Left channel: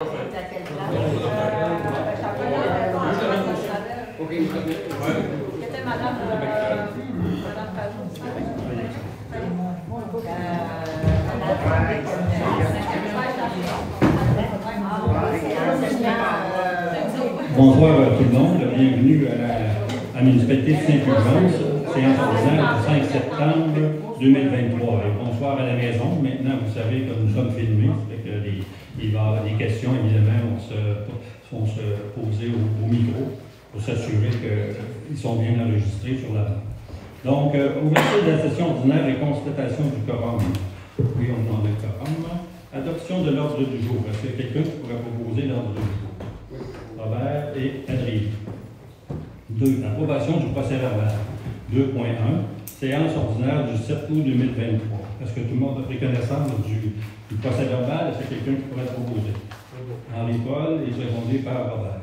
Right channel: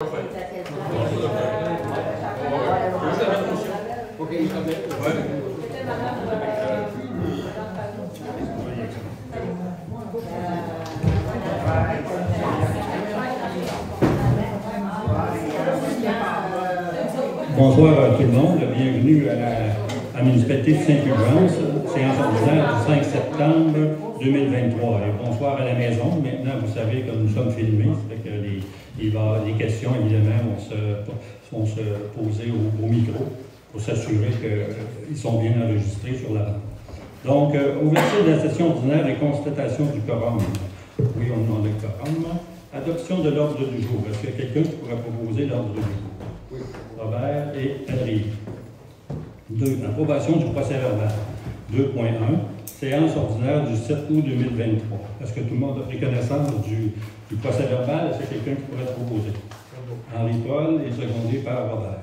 Bonsoir à tout le monde, bienvenue à la municipalité de Saint-Fulgence, séance ordinaire du 5 septembre 2023. Et bonsoir à la maison. Maintenant, vous savez que nous sommes filmés, ça fait que il va y avoir des questions, évidemment, vont se poser au micro pour s'assurer qu'ils sont bien enregistrés sur la bande. Donc, ouverture de la session ordinaire et constatation du quorum. Oui, on demande le quorum. Adoption de l'ordre du jour. Est-ce qu'il y a quelqu'un qui pourrait proposer l'ordre du jour? Oui. Robert et Adrien. 2. Approbation du procès verbal. 2.1. Séance ordinaire du 7 août 2023. Est-ce que tout le monde a pris connaissance du procès verbal? Est-ce qu'il y a quelqu'un qui pourrait proposer? Henri-Paul et secondé par Robert.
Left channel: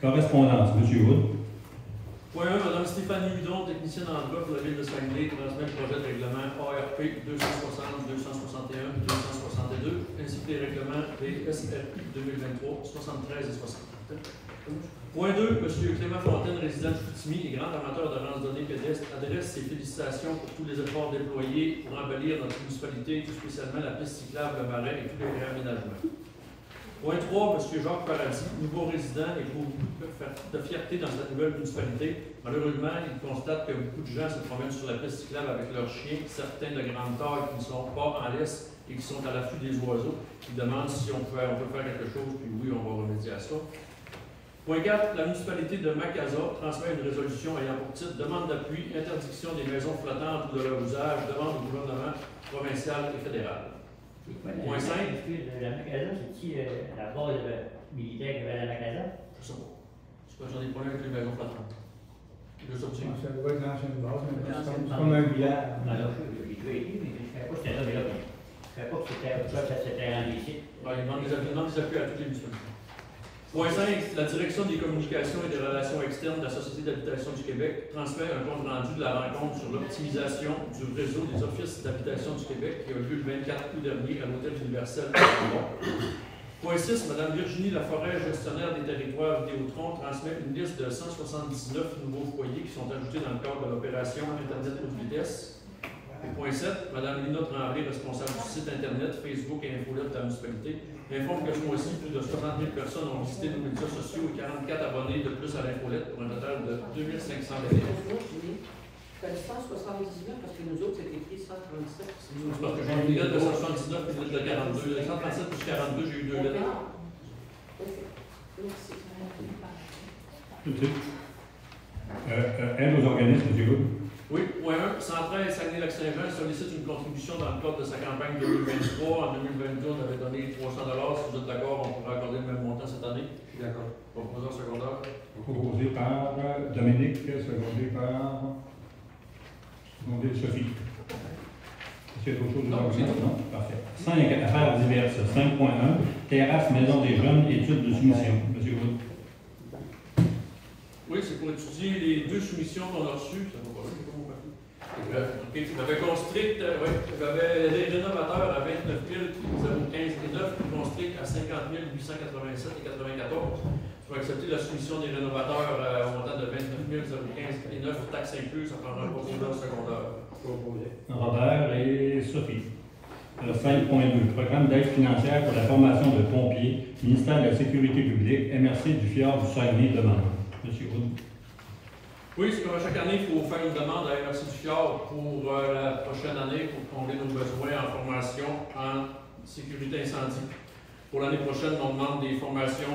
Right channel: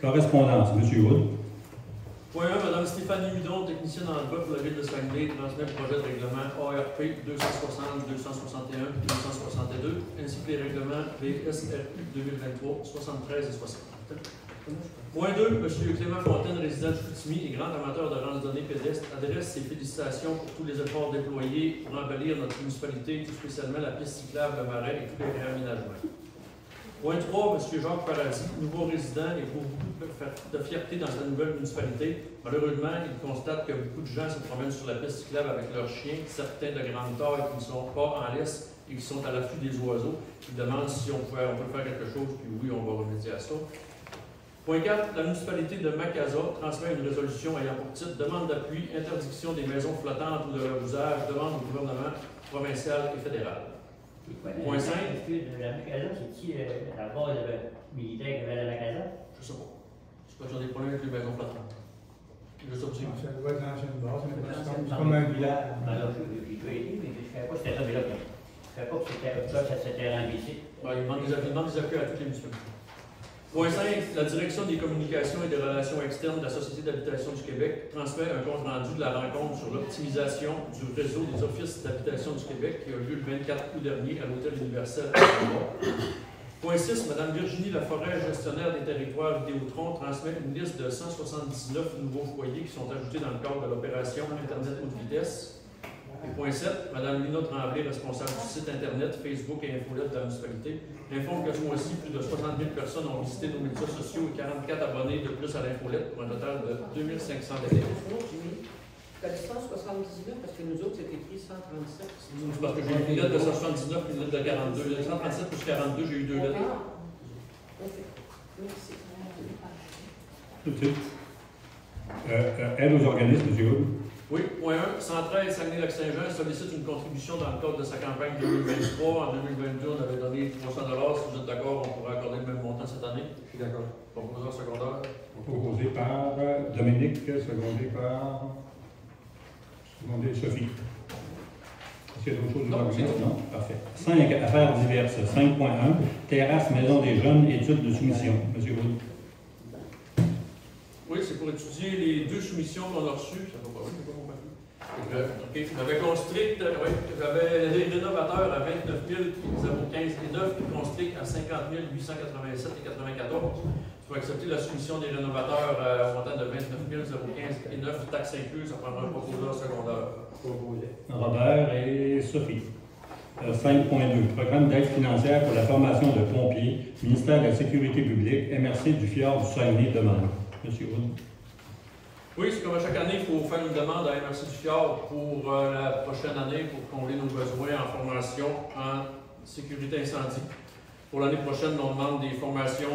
Correspondance. M. Wood. Point 1. Mme Stéphanie Hudon, technicienne en droit pour la ville de Saguenay, transmet le projet de règlement ARP 260, 261 et 262, ainsi que les règlements PSRU 2023, 73 et 60. Point 2. M. Clément Fontaine, résident de Chicoutimi et grand amateur de randonnée pédestre, adresse ses félicitations pour tous les efforts déployés pour embellir notre municipalité, tout spécialement la piste cyclable, le marais et tous les réaménagements. Point 3. M. Jacques Paradis, nouveau résident et pour beaucoup de fierté dans sa nouvelle municipalité. Malheureusement, il constate que beaucoup de gens se promènent sur la piste cyclable avec leurs chiens, certains de grande taille qui ne sont pas en laisse et qui sont à l'affût des oiseaux, qui demandent si on peut faire quelque chose, puis oui, on va remédier à ça. Point 4. La municipalité de Macasa transmet une résolution ayant pour titre demande d'appui, interdiction des maisons flottantes ou de leur usage, demande au gouvernement provincial et fédéral. Point 5. La Macasa, c'est-tu la base militaire qu'il y avait à la Macasa? Je sais pas. Je sais pas, j'en ai pas avec les maisons flottantes. Je sais pas si. Ça doit être l'ancienne base, c'est comme un village. Je ne savais pas que c'était là déjà. Je ne savais pas que c'était un lycée. Il demande des appuis à toutes les municipalités. Point 5. La direction des communications et des relations externes de la Société d'habitation du Québec transmet un compte rendu de la rencontre sur l'optimisation du réseau des offices d'habitation du Québec qui a eu lieu le 24 août dernier à l'Hôtel universel à Montréal. Point 6. Mme Virginie Laforêt, gestionnaire des territoires Vidéotron, transmet une liste de 179 nouveaux foyers qui sont ajoutés dans le cadre de l'opération Internet haute vitesse. Point 7. Mme Lina Tremblay, responsable du site Internet, Facebook et Infolette de la municipalité, informe que ce mois-ci, plus de 60 000 personnes ont visité nos médias sociaux et 44 abonnés de plus à l'Infolette pour un total de 2500 abonnés. Tu as dit 179 parce que nous autres, c'était écrit 137. C'est parce que j'ai eu une lettre de 179 et une lettre de 42. 137 plus 42, j'ai eu deux lettres. Merci. Aide aux organismes, M. Wood. Oui, point 1. Centraide Saguenay-Lac-Saint-Jean sollicite une contribution dans le cadre de sa campagne 2023. En 2022, on avait donné 300 $. Si vous êtes d'accord, on pourrait accorder le même montant cette année. Je suis d'accord. Proposant secondaire. Proposé par Dominique, secondé par Sophie. Est-ce qu'il y a d'autres choses à dire? Non? Parfait. 5. Affaires diverses. 5.1. Terrasse Maison des Jeunes, études de soumission. M. Wood. Oui, c'est pour étudier les deux soumissions qu'on a reçues. Ça va pas vite, c'est pas mon papier. J'avais construit, j'avais les rénovateurs à 29 015 et 9, puis construit à 50 887 et 94. Il faut accepter la soumission des rénovateurs au montant de 29 015 et 9, taxes incluses, ça prendra un professeur secondaire. Robert et Sophie. 5.2. Programme d'aide financière pour la formation de pompiers, ministère de la Sécurité publique, MRC du Fjord du Saguenay demande. M. Wood. Oui, c'est comme à chaque année, il faut faire une demande à MRC du Fjord pour la prochaine année pour combler nos besoins en formation en sécurité incendie. Pour l'année prochaine, on demande des formations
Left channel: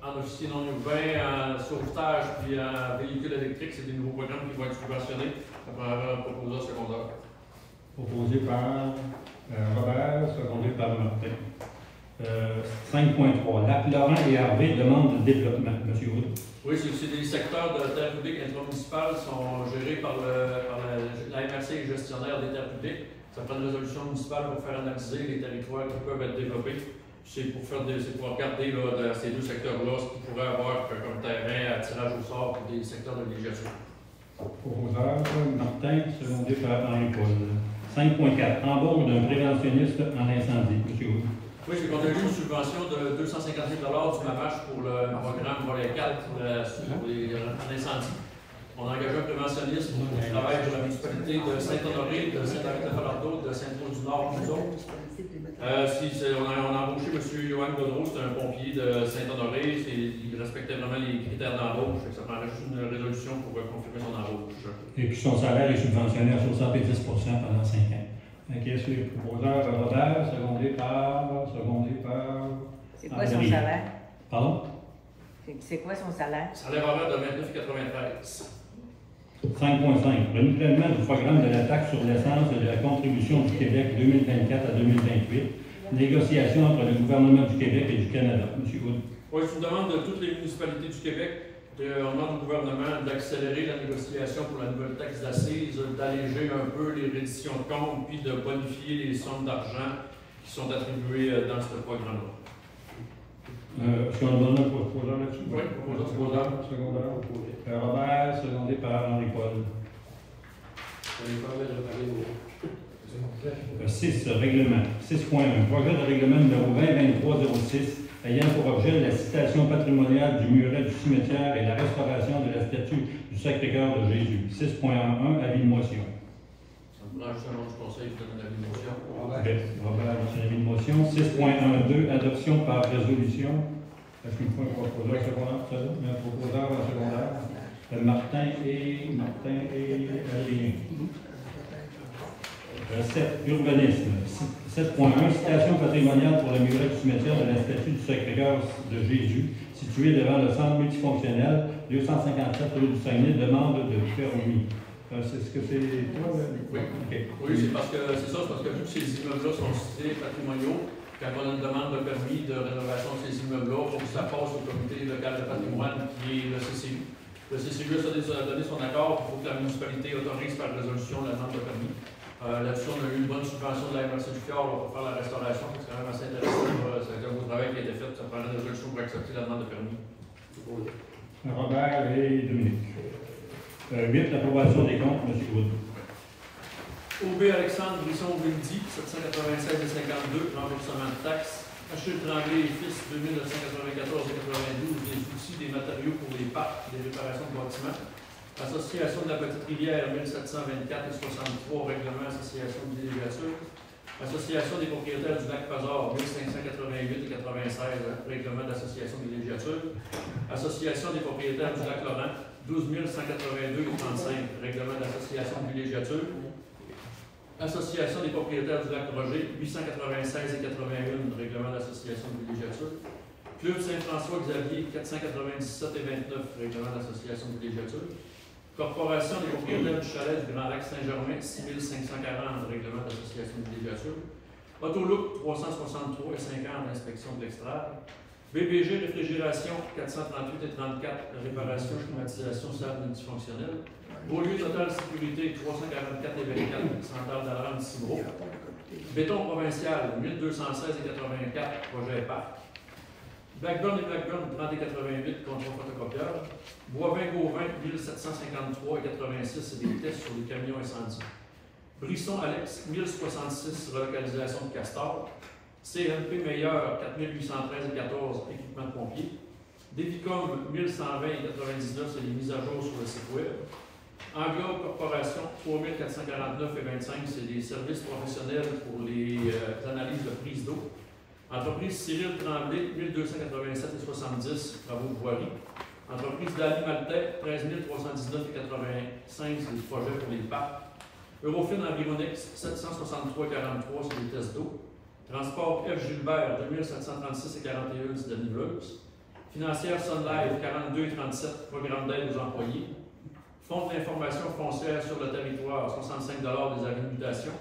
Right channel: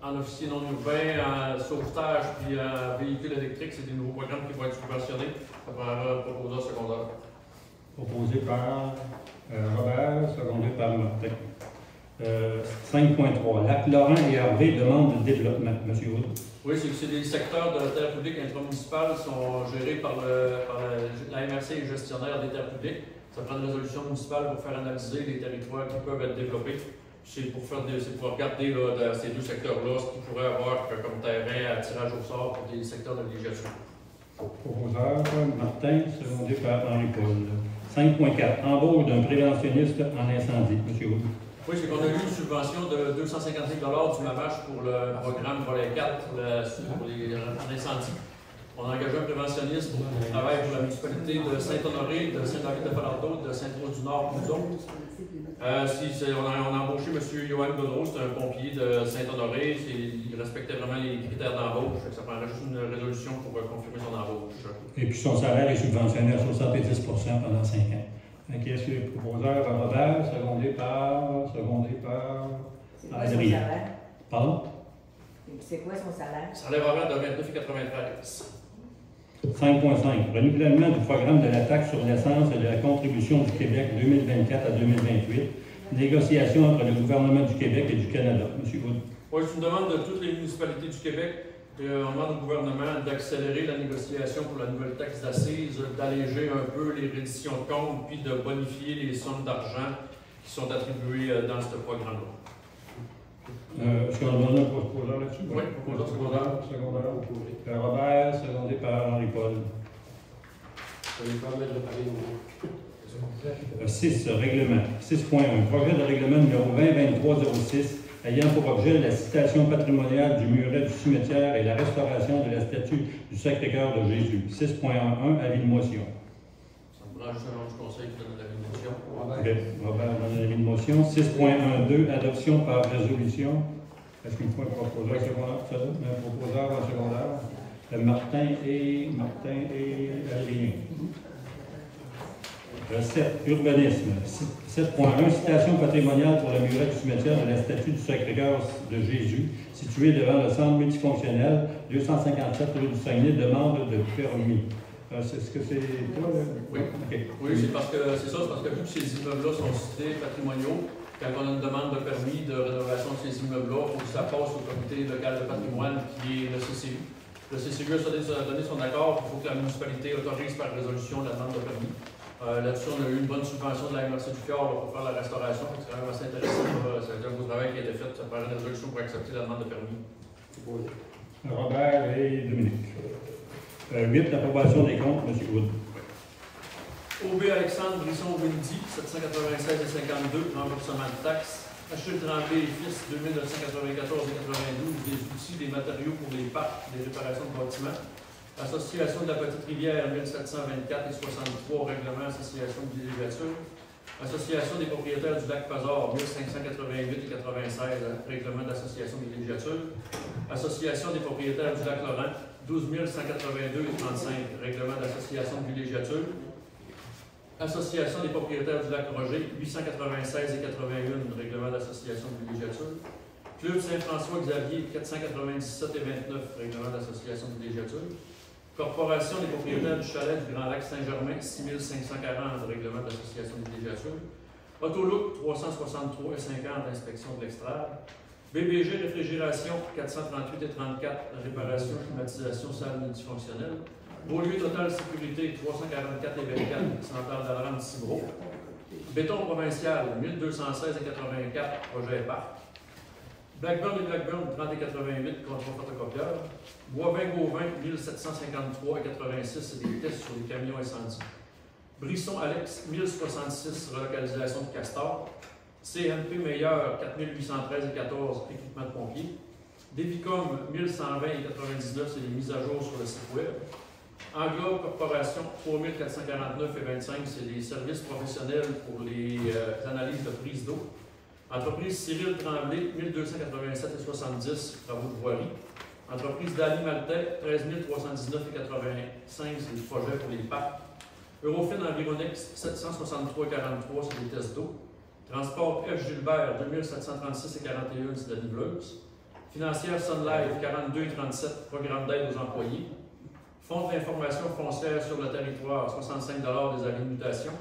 en officier non urbain, en sauvetage puis en véhicule électrique. C'est des nouveaux programmes qui vont être subventionnés. Ça prendra un proposeur secondaire. Proposé par Robert, secondé par Martin. 5.3. Lac-Laurent et Harvey demandent de développement. M. Wood. Oui, c'est des secteurs de la terre publique intramunicipale qui sont gérés par la MRC et gestionnaire des terres publiques. Ça prend une résolution municipale pour faire analyser les territoires qui peuvent être développés. C'est pour regarder là, dans ces deux secteurs-là ce qu'ils pourraient avoir comme terrain à tirage au sort pour des secteurs de villégiature. Proposeur Martin, secondé par Henri-Paul. 5.4. Embauche d'un préventionniste en incendie. M. Wood. Oui, c'est qu'on a eu une subvention de 250 000 du MAVACH pour le programme Volet 4 pour l'incendie. On a engagé un préventionniste pour travailler pour la municipalité de Saint-Honoré, de Saint-David-de-Falardeau, de Sainte-Rose-du-Nord, nous autres. On a embauché M. Johan Godreau, c'est un pompier de Saint-Honoré. Il respectait vraiment les critères d'embauche. Ça prendrait juste une résolution pour confirmer son embauche. Et puis son salaire est subventionné à 70 % pendant 5 ans. Est-ce que le proposeur Robert, secondé par C'est quoi son André? salaire? Pardon? C'est quoi son salaire? Salaire horaire de 29,93. 5.5. Renouvellement du programme de la taxe sur l'essence et de la contribution du Québec 2024 à 2028. Négociation entre le gouvernement du Québec et du Canada. M. Hood. Oui, c'est une demande de toutes les municipalités du Québec. On demande au gouvernement d'accélérer la négociation pour la nouvelle taxe d'assises, d'alléger un peu les redditions de comptes, puis de bonifier les sommes d'argent qui sont attribuées dans ce programme-là. Est-ce qu'on a donné un proposeur là-dessus? Oui, proposeur. Robert, secondé par Henri-Paul. 6. Règlement. 6.1. Projet de règlement numéro 2023-06 ayant pour objet la citation patrimoniale du muret du cimetière et la restauration de la statue du Sacré-Cœur de Jésus. 6.1. Avis de motion. Ça me prend juste un nom du conseil pour donner l'avis de motion. Robert donne l'avis de motion. 6.1.2. Adoption par résolution. Est-ce qu'il faut un proposeur secondaire? Un proposeur en secondaire? Martin et Adrien. 7. Urbanisme. 7.1. Citation patrimoniale pour le muret du cimetière de la statue du Sacré-Cœur de Jésus, situé devant le centre multifonctionnel 257 rue du Saguenay, demande de permis. Est-ce que c'est toi? Oui, okay. Oui, c'est parce que vu que ces immeubles-là sont cités patrimoniaux, quand on a une demande de permis de rénovation de ces immeubles-là, il faut que ça passe au comité local de patrimoine qui est le CCU. Le CCU a donné son accord, il faut que la municipalité autorise par résolution la demande de permis. Là-dessus, on a eu une bonne subvention de la MRC du Fjord pour faire la restauration. C'est quand même assez intéressant. C'est un beau travail qui a été fait. Ça prend une résolution pour accepter la demande de permis. Robert et Dominique. 8. Approbation des comptes. M. Wood. OB Alexandre Brisson-Windy, 796,52, remboursement de taxes. Achille Tremblay et Fils, 2994 et 92, des outils, des matériaux pour les parcs, des réparations de bâtiments. Association de la Petite Rivière, 1724 et 63, règlement association de villégiature. Association des propriétaires du lac Pazard, 1588 et 96, règlement d'association de villégiature. Association des propriétaires du lac Laurent, 12 182 et 35, règlement d'association de villégiature. Association des propriétaires du lac Roger, 896 et 81, règlement d'association de villégiature. Club Saint-François-Xavier, 497 et 29, règlement d'association de villégiature. Corporation des propriétaires du chalet du Grand Lac Saint-Germain, 6540, règlement d'association de villégiature. Autolook, 363 et 50, inspection de l'extrême. BBG Réfrigération, 438 et 34, réparation, climatisation, salle multifonctionnelle. Beaulieu Total Sécurité, 344 et 24, centrale d'alarme Cibro. Béton provincial, 1216 et 84, projet parc. Blackburn et Blackburn, 30 et 88, contrôle photocopieur. Boivin-Gauvin, 1753 et 86, c'est des tests sur les camions incendies. Brisson Alex, 1066, relocalisation de Castor. CNP Meilleur, 4813 et 14, équipement de pompiers. Devicom, 1120 et 99, c'est des mises à jour sur le site web. Anglo Corporation, 3449 et 25, c'est des services professionnels pour les analyses de prise d'eau. Entreprise Cyril Tremblay, 1287 et 70, travaux de voirie. Entreprise d'Ali Maltais, 13 319 et 85, c'est des projets pour les parcs. Eurofin Environix, 763 et 43, c'est des tests d'eau. Transport F. Gilbert, 2736 et 41, c'est de la niveleuse. Financière Sun Life, 42 et 37, programme d'aide aux employés. Fonds d'information foncière sur le territoire, 65 des avis de mutation.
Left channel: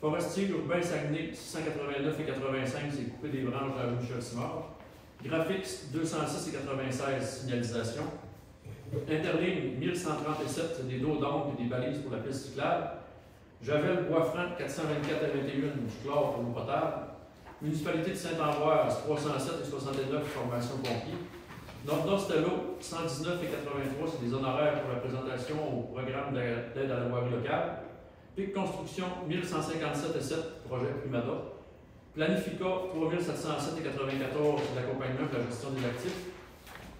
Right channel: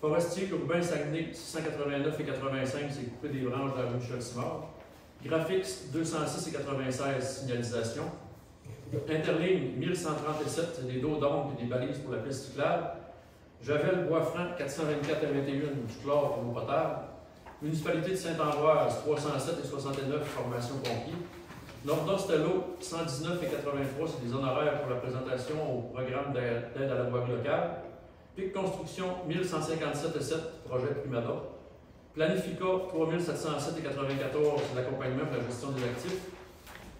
Forestier urbain Saguenay, 689 et 85, c'est couper des branches de la rue Michel-Simard. Graphics, 206 et 96, signalisation. Interligne, 1137, c'est des dos d'ombre et des balises pour la piste cyclable. Javel Boisfranc, 424 et 21, du chlore pour l'eau potable. Municipalité de Saint-Ambroise, 307 et 69, formation pompier. Nord-Stello, 119 et 83, c'est des honoraires pour la présentation au programme d'aide à la voirie locale. PIC Construction, 1157 et 7, projet Primada. Planifica, 3707,94 c'est l'accompagnement pour la gestion des actifs.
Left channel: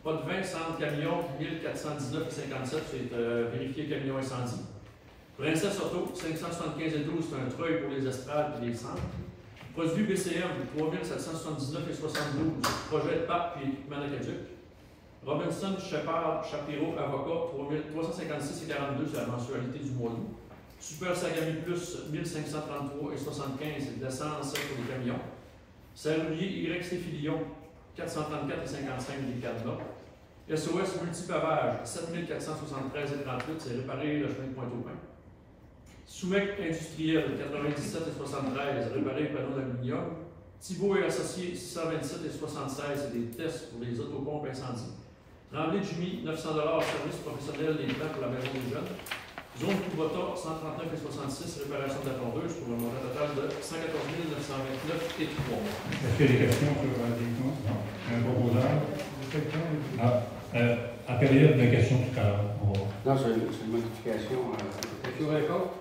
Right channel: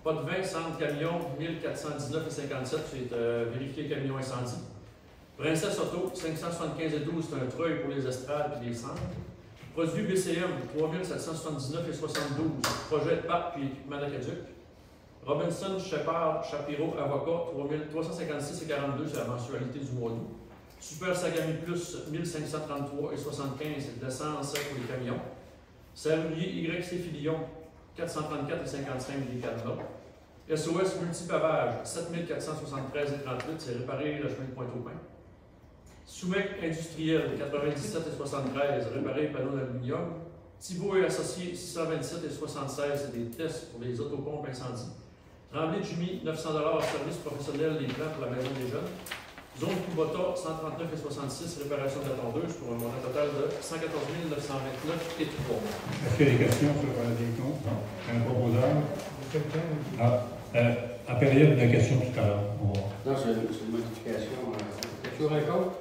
Pas de 20 centres camions, 1419,57 c'est vérifier camion incendie. Princesse Auto, 575,12 c'est un treuil pour les estrades et les centres. Produit BCM, 3779,72 projet de PAP et équipement d'Aqueduc. Robinson Shepard Shapiro Avocat, 356,42 c'est la mensualité du mois d'août. Super Sagami Plus, 1533,75 c'est de l'essence pour les camions. Serrurier YC Filion, 434,55 des cadenas. SOS Multipavage, 7473,38 c'est réparer le chemin de Pointe-au-Pin. Soumec Industriel, 97,73 réparer les panneaux d'aluminium. Thibault et Associés, 627,76 c'est des tests pour les autopompes incendies. Tremblay Jimmy, 900 service professionnel des plans pour la maison des jeunes. Zone Kubota, 139,66 réparation de la tondeuse pour un montant total de 114 929 et 3. Est-ce qu'il y a des questions sur des comptes? Non. Un proposeur? À période de questions tout à l'heure. Non, c'est une modification. Quelque chose encore?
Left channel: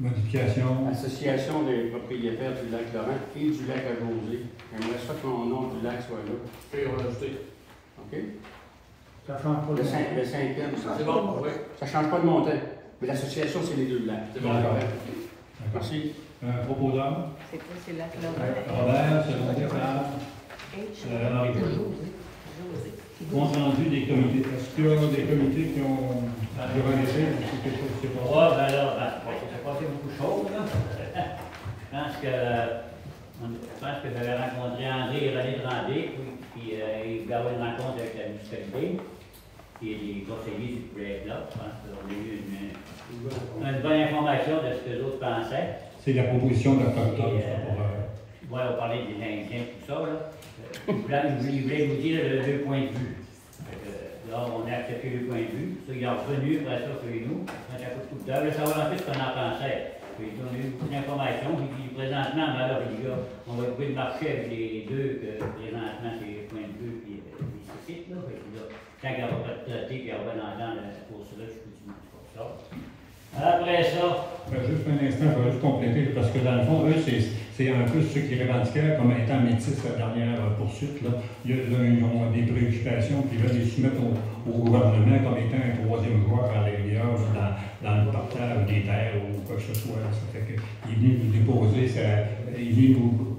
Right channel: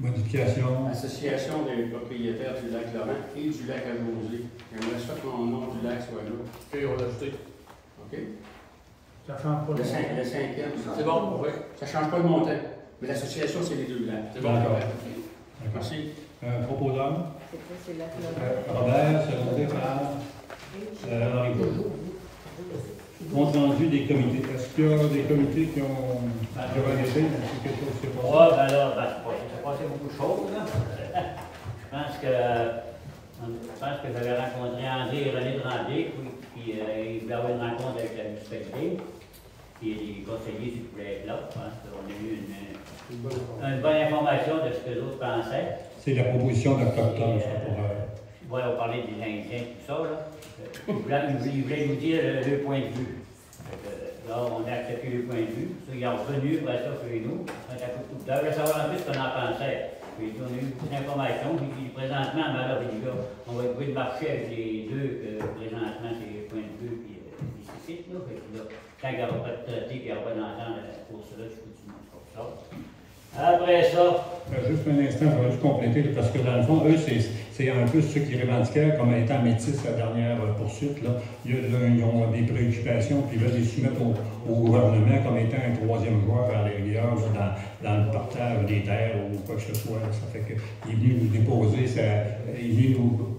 Modification. Association des propriétaires du lac Laurent et du lac Almosé. J'aimerais ça que mon nom du lac soit là. OK, on va l'ajouter. OK? Ça change pas Le 5e. C'est bon, oui. Ça ne change pas le montant. Mais l'association, c'est les deux lacs. C'est bon. D'accord. Merci. Proposeur? C'est quoi, c'est là? Robert, secondé par Henri Paul. Compte rendu des comités. Est-ce qu'il y a des comités qui ont organisé? Est-ce que quelque chose s'est passé? Oui, ben là, il s'est passé beaucoup de choses. Là. Je pense que j'avais rencontré André et René Tremblay, puis il y avait une rencontre avec la municipalité, puis les conseillers qui pouvaient être là. Je pense qu'on a eu une bonne information de ce que les autres pensaient. C'est la proposition d'octobre, ça, pour... Oui, on parlait des Indiens, tout ça. Là. Il voulait nous dire le point de vue. Là, on a accepté le point de vue. Ils ont revenu pour ça sur nous. On a fait beaucoup de temps. Je voulais savoir un peu ce qu'on en pensait. Puis, on a eu beaucoup d'informations. Puis, présentement, alors, on va trouver le marché avec les deux, présentement, c'est le point de vue et les sites. Là. Tant qu'il n'y aura pas de traité, qu'il n'y aura pas d'entente pour cela, je continue pour ça. Après ça. Juste un instant, il faudrait juste compléter, parce que dans le fond, eux, c'est un peu ceux qui revendiquaient comme étant métis la dernière poursuite. Là. Ils ont des préoccupations, puis ils veulent les soumettre au gouvernement comme étant un troisième joueur vers les rivières, dans le partage des terres ou quoi que ce soit. Là. Ça fait qu'il est venu nous déposer,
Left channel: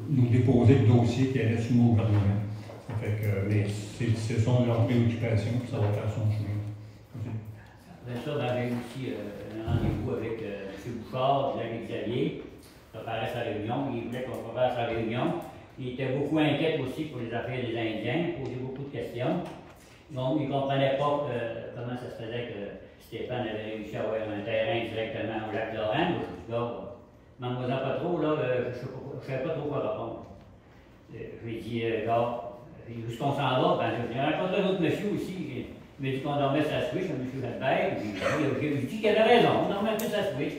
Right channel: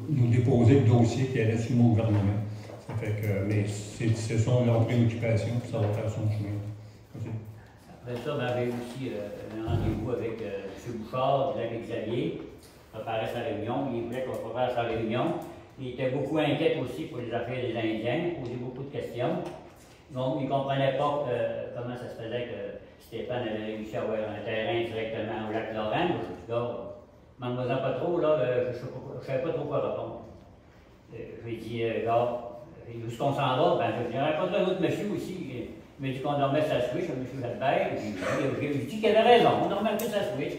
nous déposer le dossier qui allait soumettre au gouvernement. Ça fait que, mais ce sont leurs préoccupations, puis ça va faire son chemin. Après ça, j'avais aussi un rendez-vous avec M. Bouchard, du lac Xavier, préparait sa réunion. Il voulait qu'on prépare sa réunion. Il était beaucoup inquiet aussi pour les affaires des Indiens, il posait beaucoup de questions. Donc, il ne comprenait pas comment ça se faisait que Stéphane avait réussi à avoir un terrain directement au lac Laurent. Je lui dis, mademoiselle pas trop, là, je ne savais pas trop quoi répondre. Je lui ai dit, jusqu'on s'en va, j'ai rencontré un autre monsieur aussi. Il m'a dit qu'on dormait sa switch, M. Jalbert. J'ai dit qu'il avait raison, on dormait plus sa switch.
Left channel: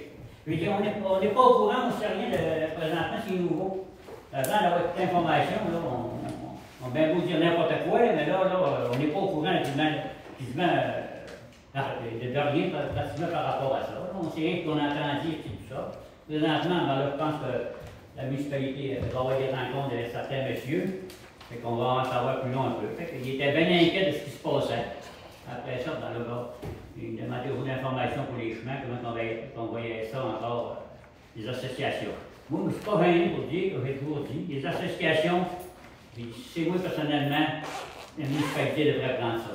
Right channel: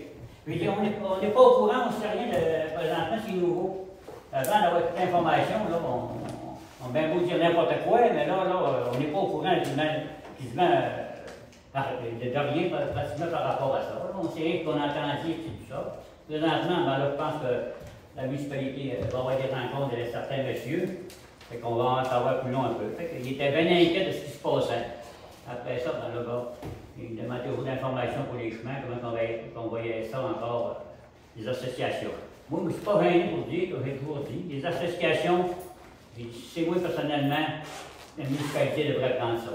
J'ai dit, on n'est pas au courant, on ne sait rien de présentement, c'est nouveau. Avant d'avoir toute l'information, on a bien beau dire n'importe quoi, mais là, on n'est pas au courant de rien pratiquement par rapport à ça. On sait rien qu'on a entendu et tout ça. Présentement, là, je pense que la municipalité va avoir des rencontres avec certains messieurs. Fait qu'on va en savoir plus loin un peu. Il était bien inquiet de ce qui se passait. Après ça, il demandait beaucoup d'informations pour les chemins, comment on voyait ça encore, les associations. Moi, je ne suis pas venu pour dire, que j'ai toujours dit, les associations, c'est moi personnellement, la municipalité devrait prendre ça.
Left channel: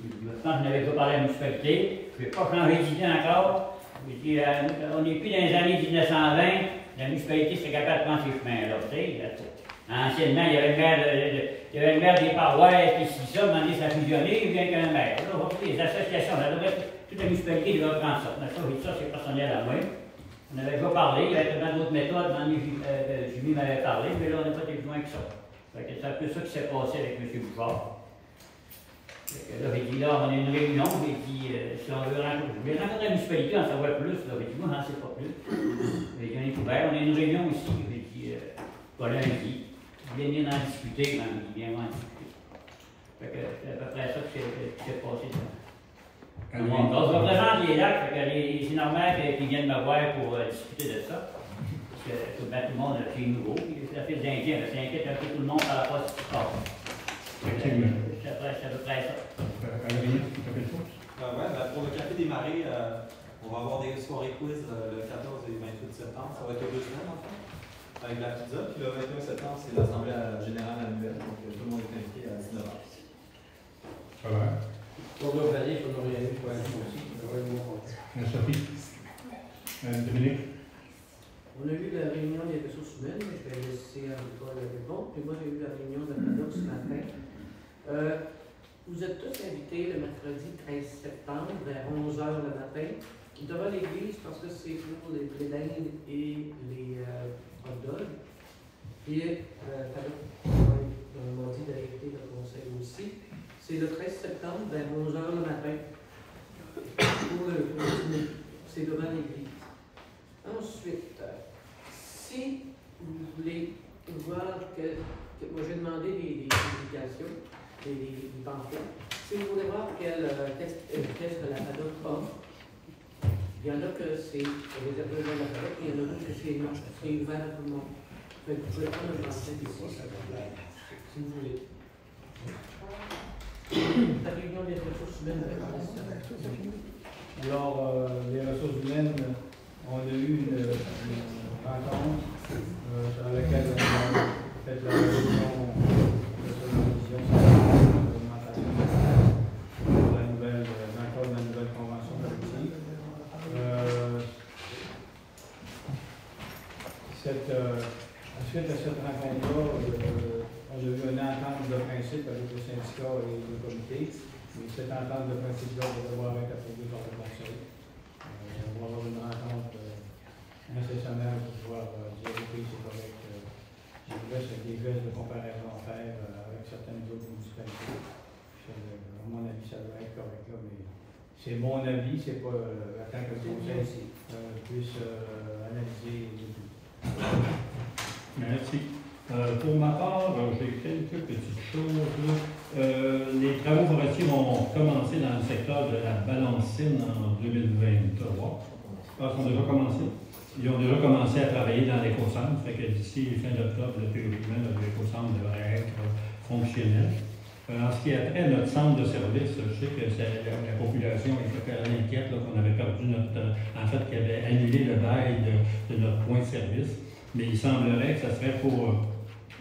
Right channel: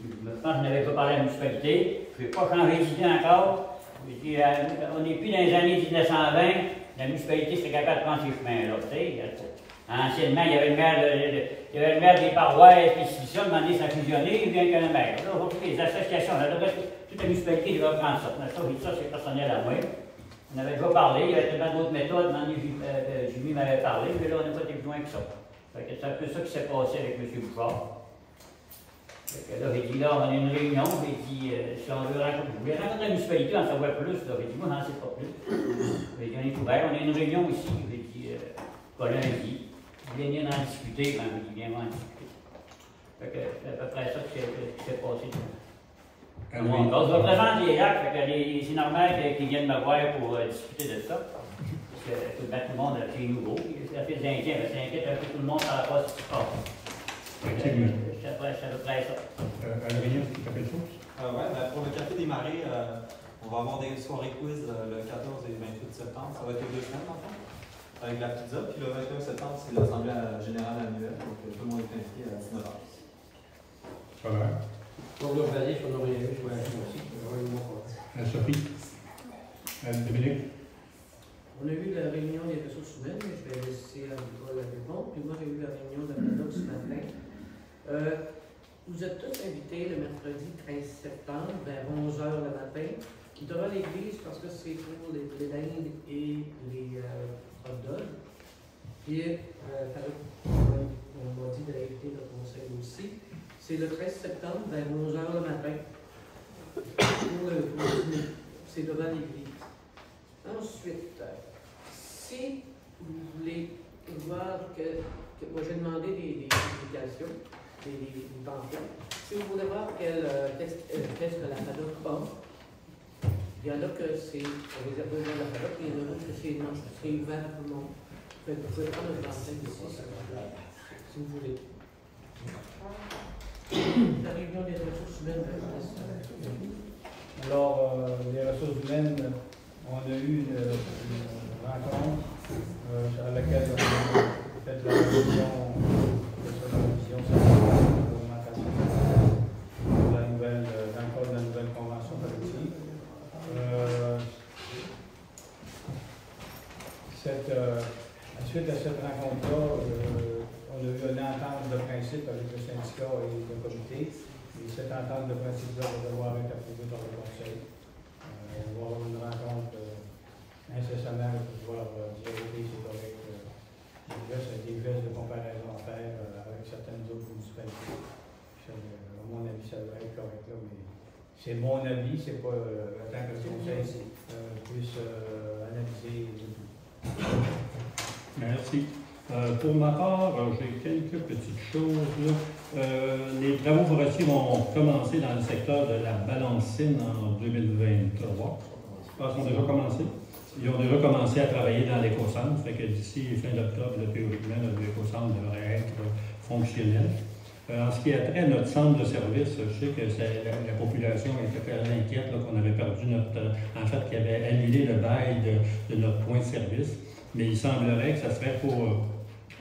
Je pense que je n'avais pas parlé de la municipalité, je n'ai pas changé d'idée encore. On n'est plus dans les années 1920, la municipalité serait capable de prendre ces chemins-là. Anciennement, il y avait le maire des paroisses, puis si ça, demandé ça a fusionné, il vient qu'un maire. Là, on va trouver les associations, toute la municipalité devrait prendre ça. Ça, c'est personnel à moi. On avait déjà parlé, il y avait tellement d'autres méthodes, Julie m'avait parlé, mais là, on n'a pas été plus loin que ça. C'est un peu ça qui s'est passé avec M. Bouchard. Là, j'ai dit, là, on a une réunion, j'ai dit, si on veut rencontrer la municipalité, on en savoir plus. Là, j'ai dit, moi, j'en sais pas plus. J'ai dit, on est ouvert, on a une réunion aussi, j'ai dit, pas lundi. Venir en discuter quand je dis bien en discuter. C'est à peu près ça qui s'est passé. On représente les lacs, c'est normal qu'ils viennent me voir pour discuter de ça. tout le monde, c'est nouveau. Les Indiens, ça inquiète un peu tout le monde par rapport à ce qui se passe. Effectivement. C'est à peu près ça. Alvin, est-ce que tu as quelque chose? Pour le Café des Marées, on va avoir des soirées quiz le 14 et 28 septembre. Ça va être 2 semaines, en fait, avec la pizza. Puis le 21 septembre, c'est l'Assemblée générale annuelle. Donc, tout le monde est invité à 19h. Voilà. Donc, là, je vais aller sur nos réunions, je vais aller aussi. Sophie? Dominique? On a eu la réunion des ressources humaines, je vais laisser Paul répondre. Puis moi, j'ai eu la réunion de la PADOC ce matin. Vous êtes tous invités le mercredi 13 septembre vers 11h le matin devant l'église parce que c'est pour les dindes et les hot dogs. Puis, on m'a dit d'inviter le conseil aussi. C'est le 13 septembre vers 11h le matin pour le dîner. C'est devant l'église. Ensuite, si vous voulez voir que moi j'ai demandé des publications, des pamphlets, si vous voulez voir quel test de la PADOC offre, il y en a que c'est réservé à la PADOC, il y en a d'autres que c'est ouvert à tout le monde. Vous pouvez prendre un pamphlet ici, si vous voulez. La réunion des ressources humaines. Alors, les ressources humaines, on a eu une rencontre sur laquelle on a fait la révision pour la nouvelle, dans le cadre de la nouvelle convention collective. Suite à cette rencontre-là, on a eu une entente de principe avec le syndicat et le comité. Et cette entente de principe-là va devoir être approuvée par le conseil. On va avoir une rencontre incessamment pour pouvoir dire que c'est correct. Il reste des gestes de comparaison à faire avec certaines autres municipalités. À mon avis, ça doit être correct là, mais c'est mon avis, c'est pas tant que le conseil puisse analyser le tout. Merci. Pour ma part, j'ai quelques petites choses. Les travaux forestiers vont commencer dans le secteur de la Balancine en 2023. Je pense qu'ils ont déjà commencé. Ils ont déjà commencé à travailler dans l'éco-centre, fait que d'ici fin d'octobre, théoriquement, l'éco-centre devrait être fonctionnel. En ce qui a trait à notre centre de service, je sais que la population était très inquiète qu'on avait perdu en fait, qu'il avait annulé le bail de notre point de service. Mais il semblerait que ça serait pour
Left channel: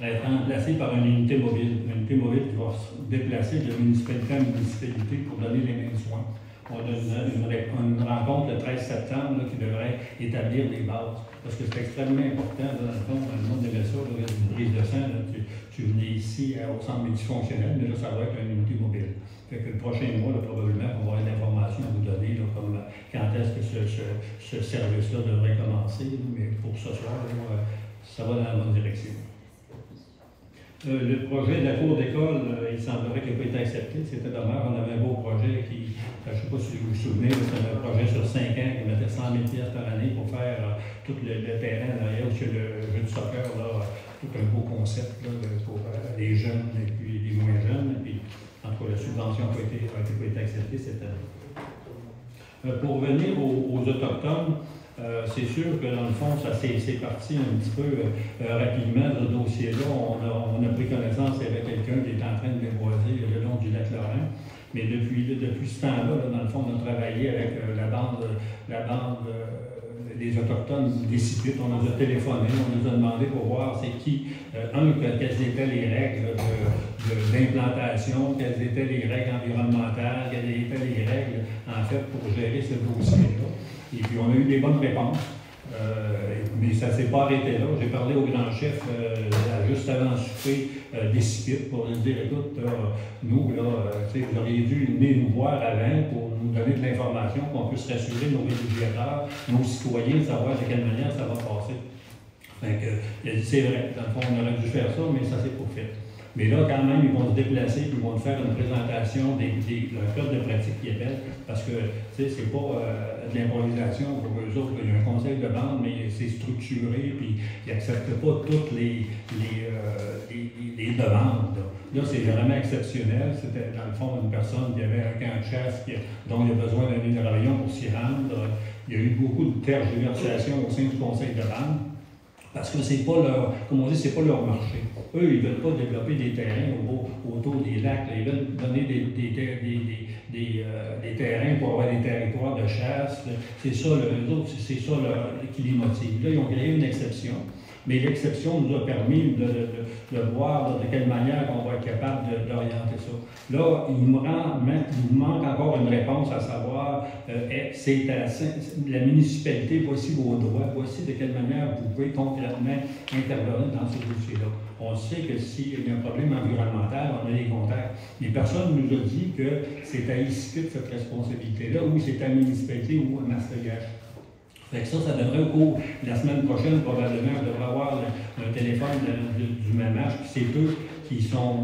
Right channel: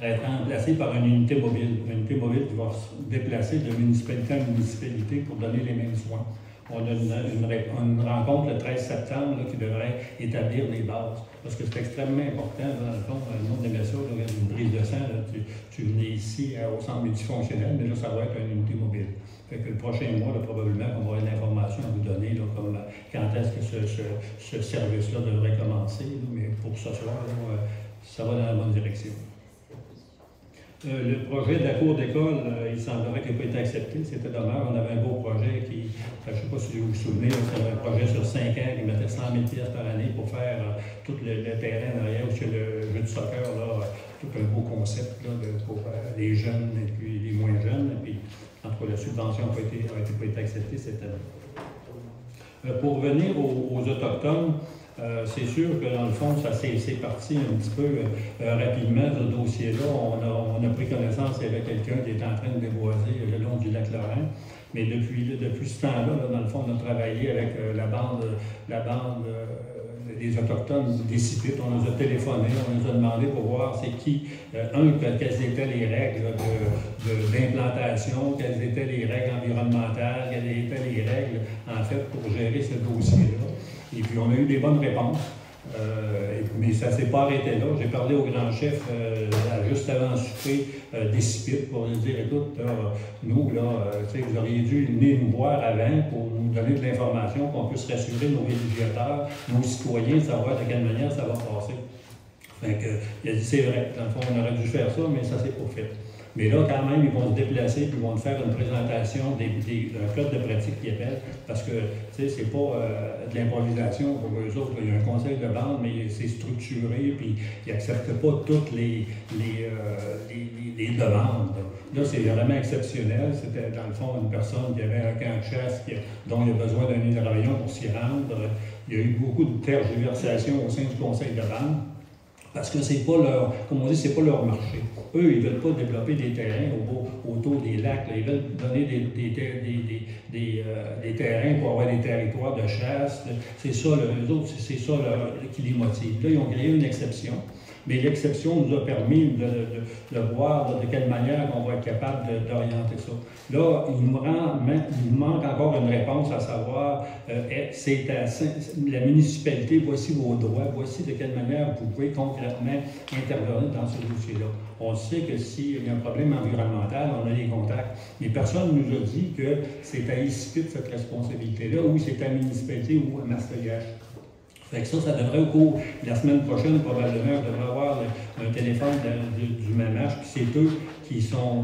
être remplacé par une unité mobile. Une unité mobile qui va se déplacer de municipalité en municipalité pour donner les mêmes soins. On a une rencontre le 13 septembre qui devrait établir des bases. Parce que c'est extrêmement important, dans le fond, le monde aimait ça, là, une prise de sang, là, tu venais ici au centre multifonctionnel, mais là, ça doit être une unité mobile. Fait que le prochain mois, là, probablement, on va avoir une information à vous donner, là, comme quand est-ce que ce service-là devrait commencer. Là, mais pour ce soir, là, ça va dans la bonne direction. Le projet de la cour d'école, il semblerait qu'il n'a pas été accepté. C'était dommage. On avait un beau projet qui, je ne sais pas si vous vous souvenez, c'était un projet sur 5 ans qui mettait 100 000 pièces par année pour faire tout le terrain derrière, où c'est le jeu de soccer, là, tout un beau concept là, pour les jeunes et puis les moins jeunes. Et puis, en tout cas, la subvention n'a pas été acceptée cette année. Pour revenir aux Autochtones, c'est sûr que dans le fond, ça c'est parti un petit peu rapidement ce dossier-là. On a pris connaissance qu'il y avait quelqu'un qui est en train de déboiser le long du lac Laurent. Mais depuis ce temps-là, dans le fond, on a travaillé avec la bande des Autochtones des Sipites. On nous a téléphoné, on nous a demandé pour voir c'est qui, quelles étaient les règles d'implantation, quelles étaient les règles environnementales, quelles étaient les règles, en fait, pour gérer ce dossier-là. Et puis, on a eu des bonnes réponses, mais ça ne s'est pas arrêté là. J'ai parlé au grand chef juste avant le souper des Sipites pour lui dire, écoute, nous, là, vous auriez dû venir nous voir avant pour nous donner de l'information, qu'on puisse rassurer nos villégiateurs, nos citoyens, savoir de quelle manière ça va passer. Fait que, il a dit, c'est vrai, dans le fond, on aurait dû faire ça, mais ça ne s'est pas fait. Mais là, quand même, ils vont se déplacer puis ils vont faire une présentation d'un code de pratique qui appelle, parce que, tu sais, c'est pas de l'improvisation pour eux autres. Il y a un conseil de bande, mais c'est structuré, puis ils n'acceptent pas toutes les demandes. Là, c'est vraiment exceptionnel. C'était, dans le fond, une personne qui avait un camp de chasse dont il a besoin d'un hydravion pour s'y rendre. Il y a eu beaucoup de tergiversations au sein du conseil de bande. Parce que c'est pas leur, comme on dit, c'est pas leur marché. Eux, ils veulent pas développer des terrains autour des lacs. Là. Ils veulent donner des terrains pour avoir des territoires de chasse. C'est ça, eux autres, c'est ça qui les motive. Là, ils ont créé une exception. Mais l'exception nous a permis de voir de quelle manière on va être capable d'orienter ça. Là, il nous manque encore une réponse à savoir, la municipalité, voici vos droits, voici de quelle manière vous pouvez concrètement intervenir dans ce dossier-là. On sait que s'il y a un problème environnemental, on a des contacts, mais personne ne nous a dit que c'est à Iskut cette responsabilité-là, ou c'est à la municipalité ou à Mastégache. Fait que ça devrait au cours de la semaine prochaine, probablement, je devrais avoir un téléphone du MAMACH, puis c'est eux qui sont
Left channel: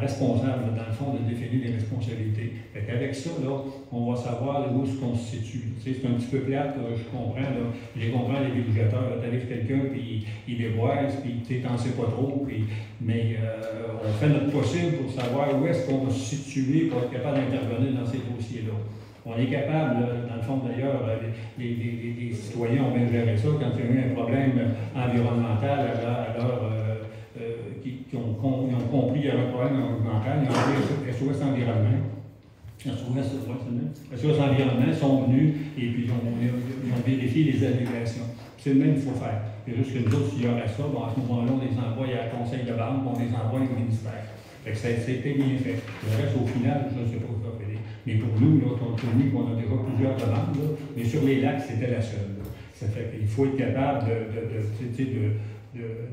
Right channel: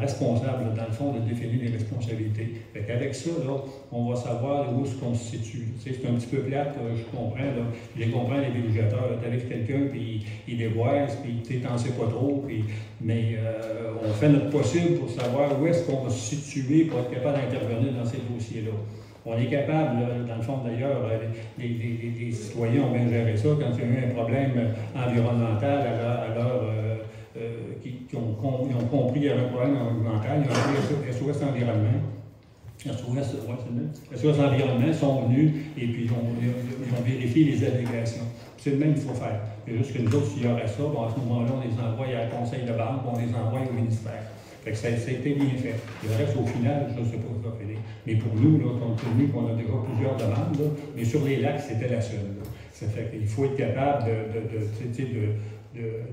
responsables, dans le fond, de définir les responsabilités. Fait qu'avec ça, là, on va savoir où est-ce qu'on se situe. Tu sais, c'est un petit peu plate, je comprends, là. Je les comprends, les villégiateurs. Tu arrives quelqu'un, puis il déboise, puis tu n'en sais pas trop, mais on fait notre possible pour savoir où est-ce qu'on va se situer pour être capable d'intervenir dans ces dossiers-là. On est capable, dans le fond d'ailleurs, les citoyens ont bien géré ça quand il y a eu un problème environnemental ils ont compris qu'il y avait un problème environnemental, ils ont appelé SOS Environnement. SOS Environnement sont venus et puis ils ont vérifié les allégations. C'est le même qu'il faut faire. C'est juste que nous autres, s'il y aurait ça, bon, à ce moment-là, on les envoie à la conseil de banque, on les envoie au ministère. Fait que ça a été bien fait. Le reste, au final, je ne sais pas où ça va finir. Mais pour nous, là, compte tenu qu'on a déjà plusieurs demandes, là, mais sur les lacs, c'était la seule. Là. Ça fait qu'il faut être capable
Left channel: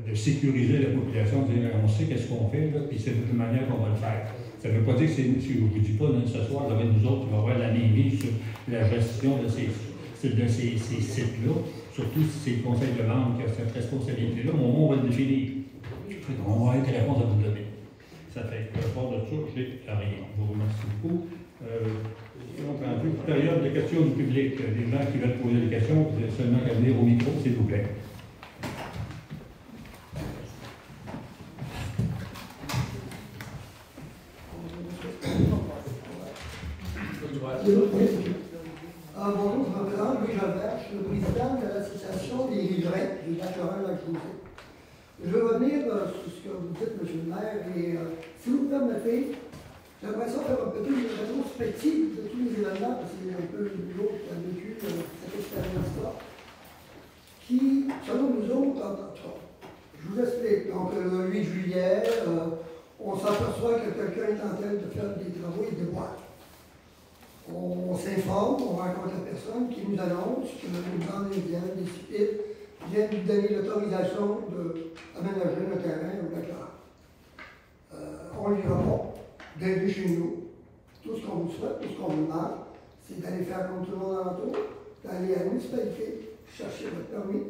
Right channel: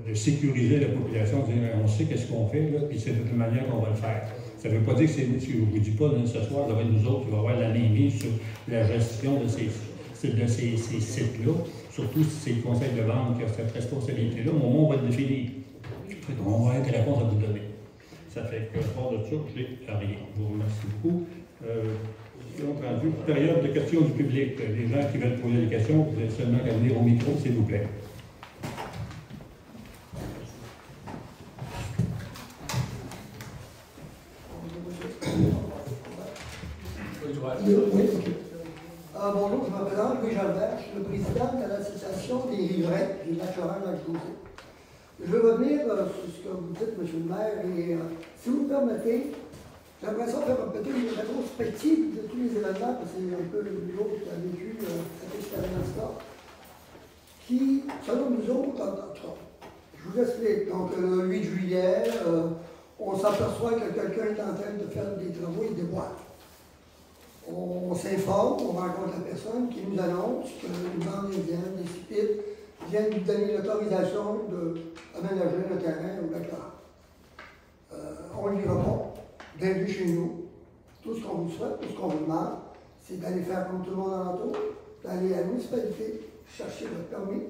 de sécuriser la population, de dire on sait qu'est-ce qu'on fait, là, puis c'est de toute manière qu'on va le faire. Ça ne veut pas dire que je ne vous dis pas, là, ce soir, ça va être nous autres qui va avoir la mainmise sur la gestion de ces sites-là, surtout si c'est le conseil de vente qui a cette responsabilité-là. Au moment où on va le définir, on va avoir des réponses à vous donner. Ça fait que, hors de ça, je n'ai rien. Je vous remercie beaucoup. Période de questions du public. Les gens qui veulent poser des questions, vous avez seulement qu'à venir au micro, s'il vous plaît. Bonjour, je me présente Louis Jalbert, je suis le président de l'association des riverains du lac Lorrain-Lac-José. Je vais revenir sur ce que vous dites, M. le maire, et si vous me permettez, j'aimerais ça faire peut-être une rétrospective de tous les événements, parce que c'est un peu l'autre qui a vécu cette expérience-là, qui, selon nous autres, je vous explique. Donc, le 8 juillet, on s'aperçoit que quelqu'un est en train de faire des travaux et des boîtes. On s'informe, on rencontre la personne qui nous annonce qu'une bande indienne, des CIPIT, viennent lui donner l'autorisation d'aménager le terrain au lac Lorrain. On lui répond d'aider chez nous. Tout ce qu'on vous souhaite, tout ce qu'on vous demande, c'est d'aller faire comme tout le monde alentour, d'aller à la municipalité, chercher votre permis,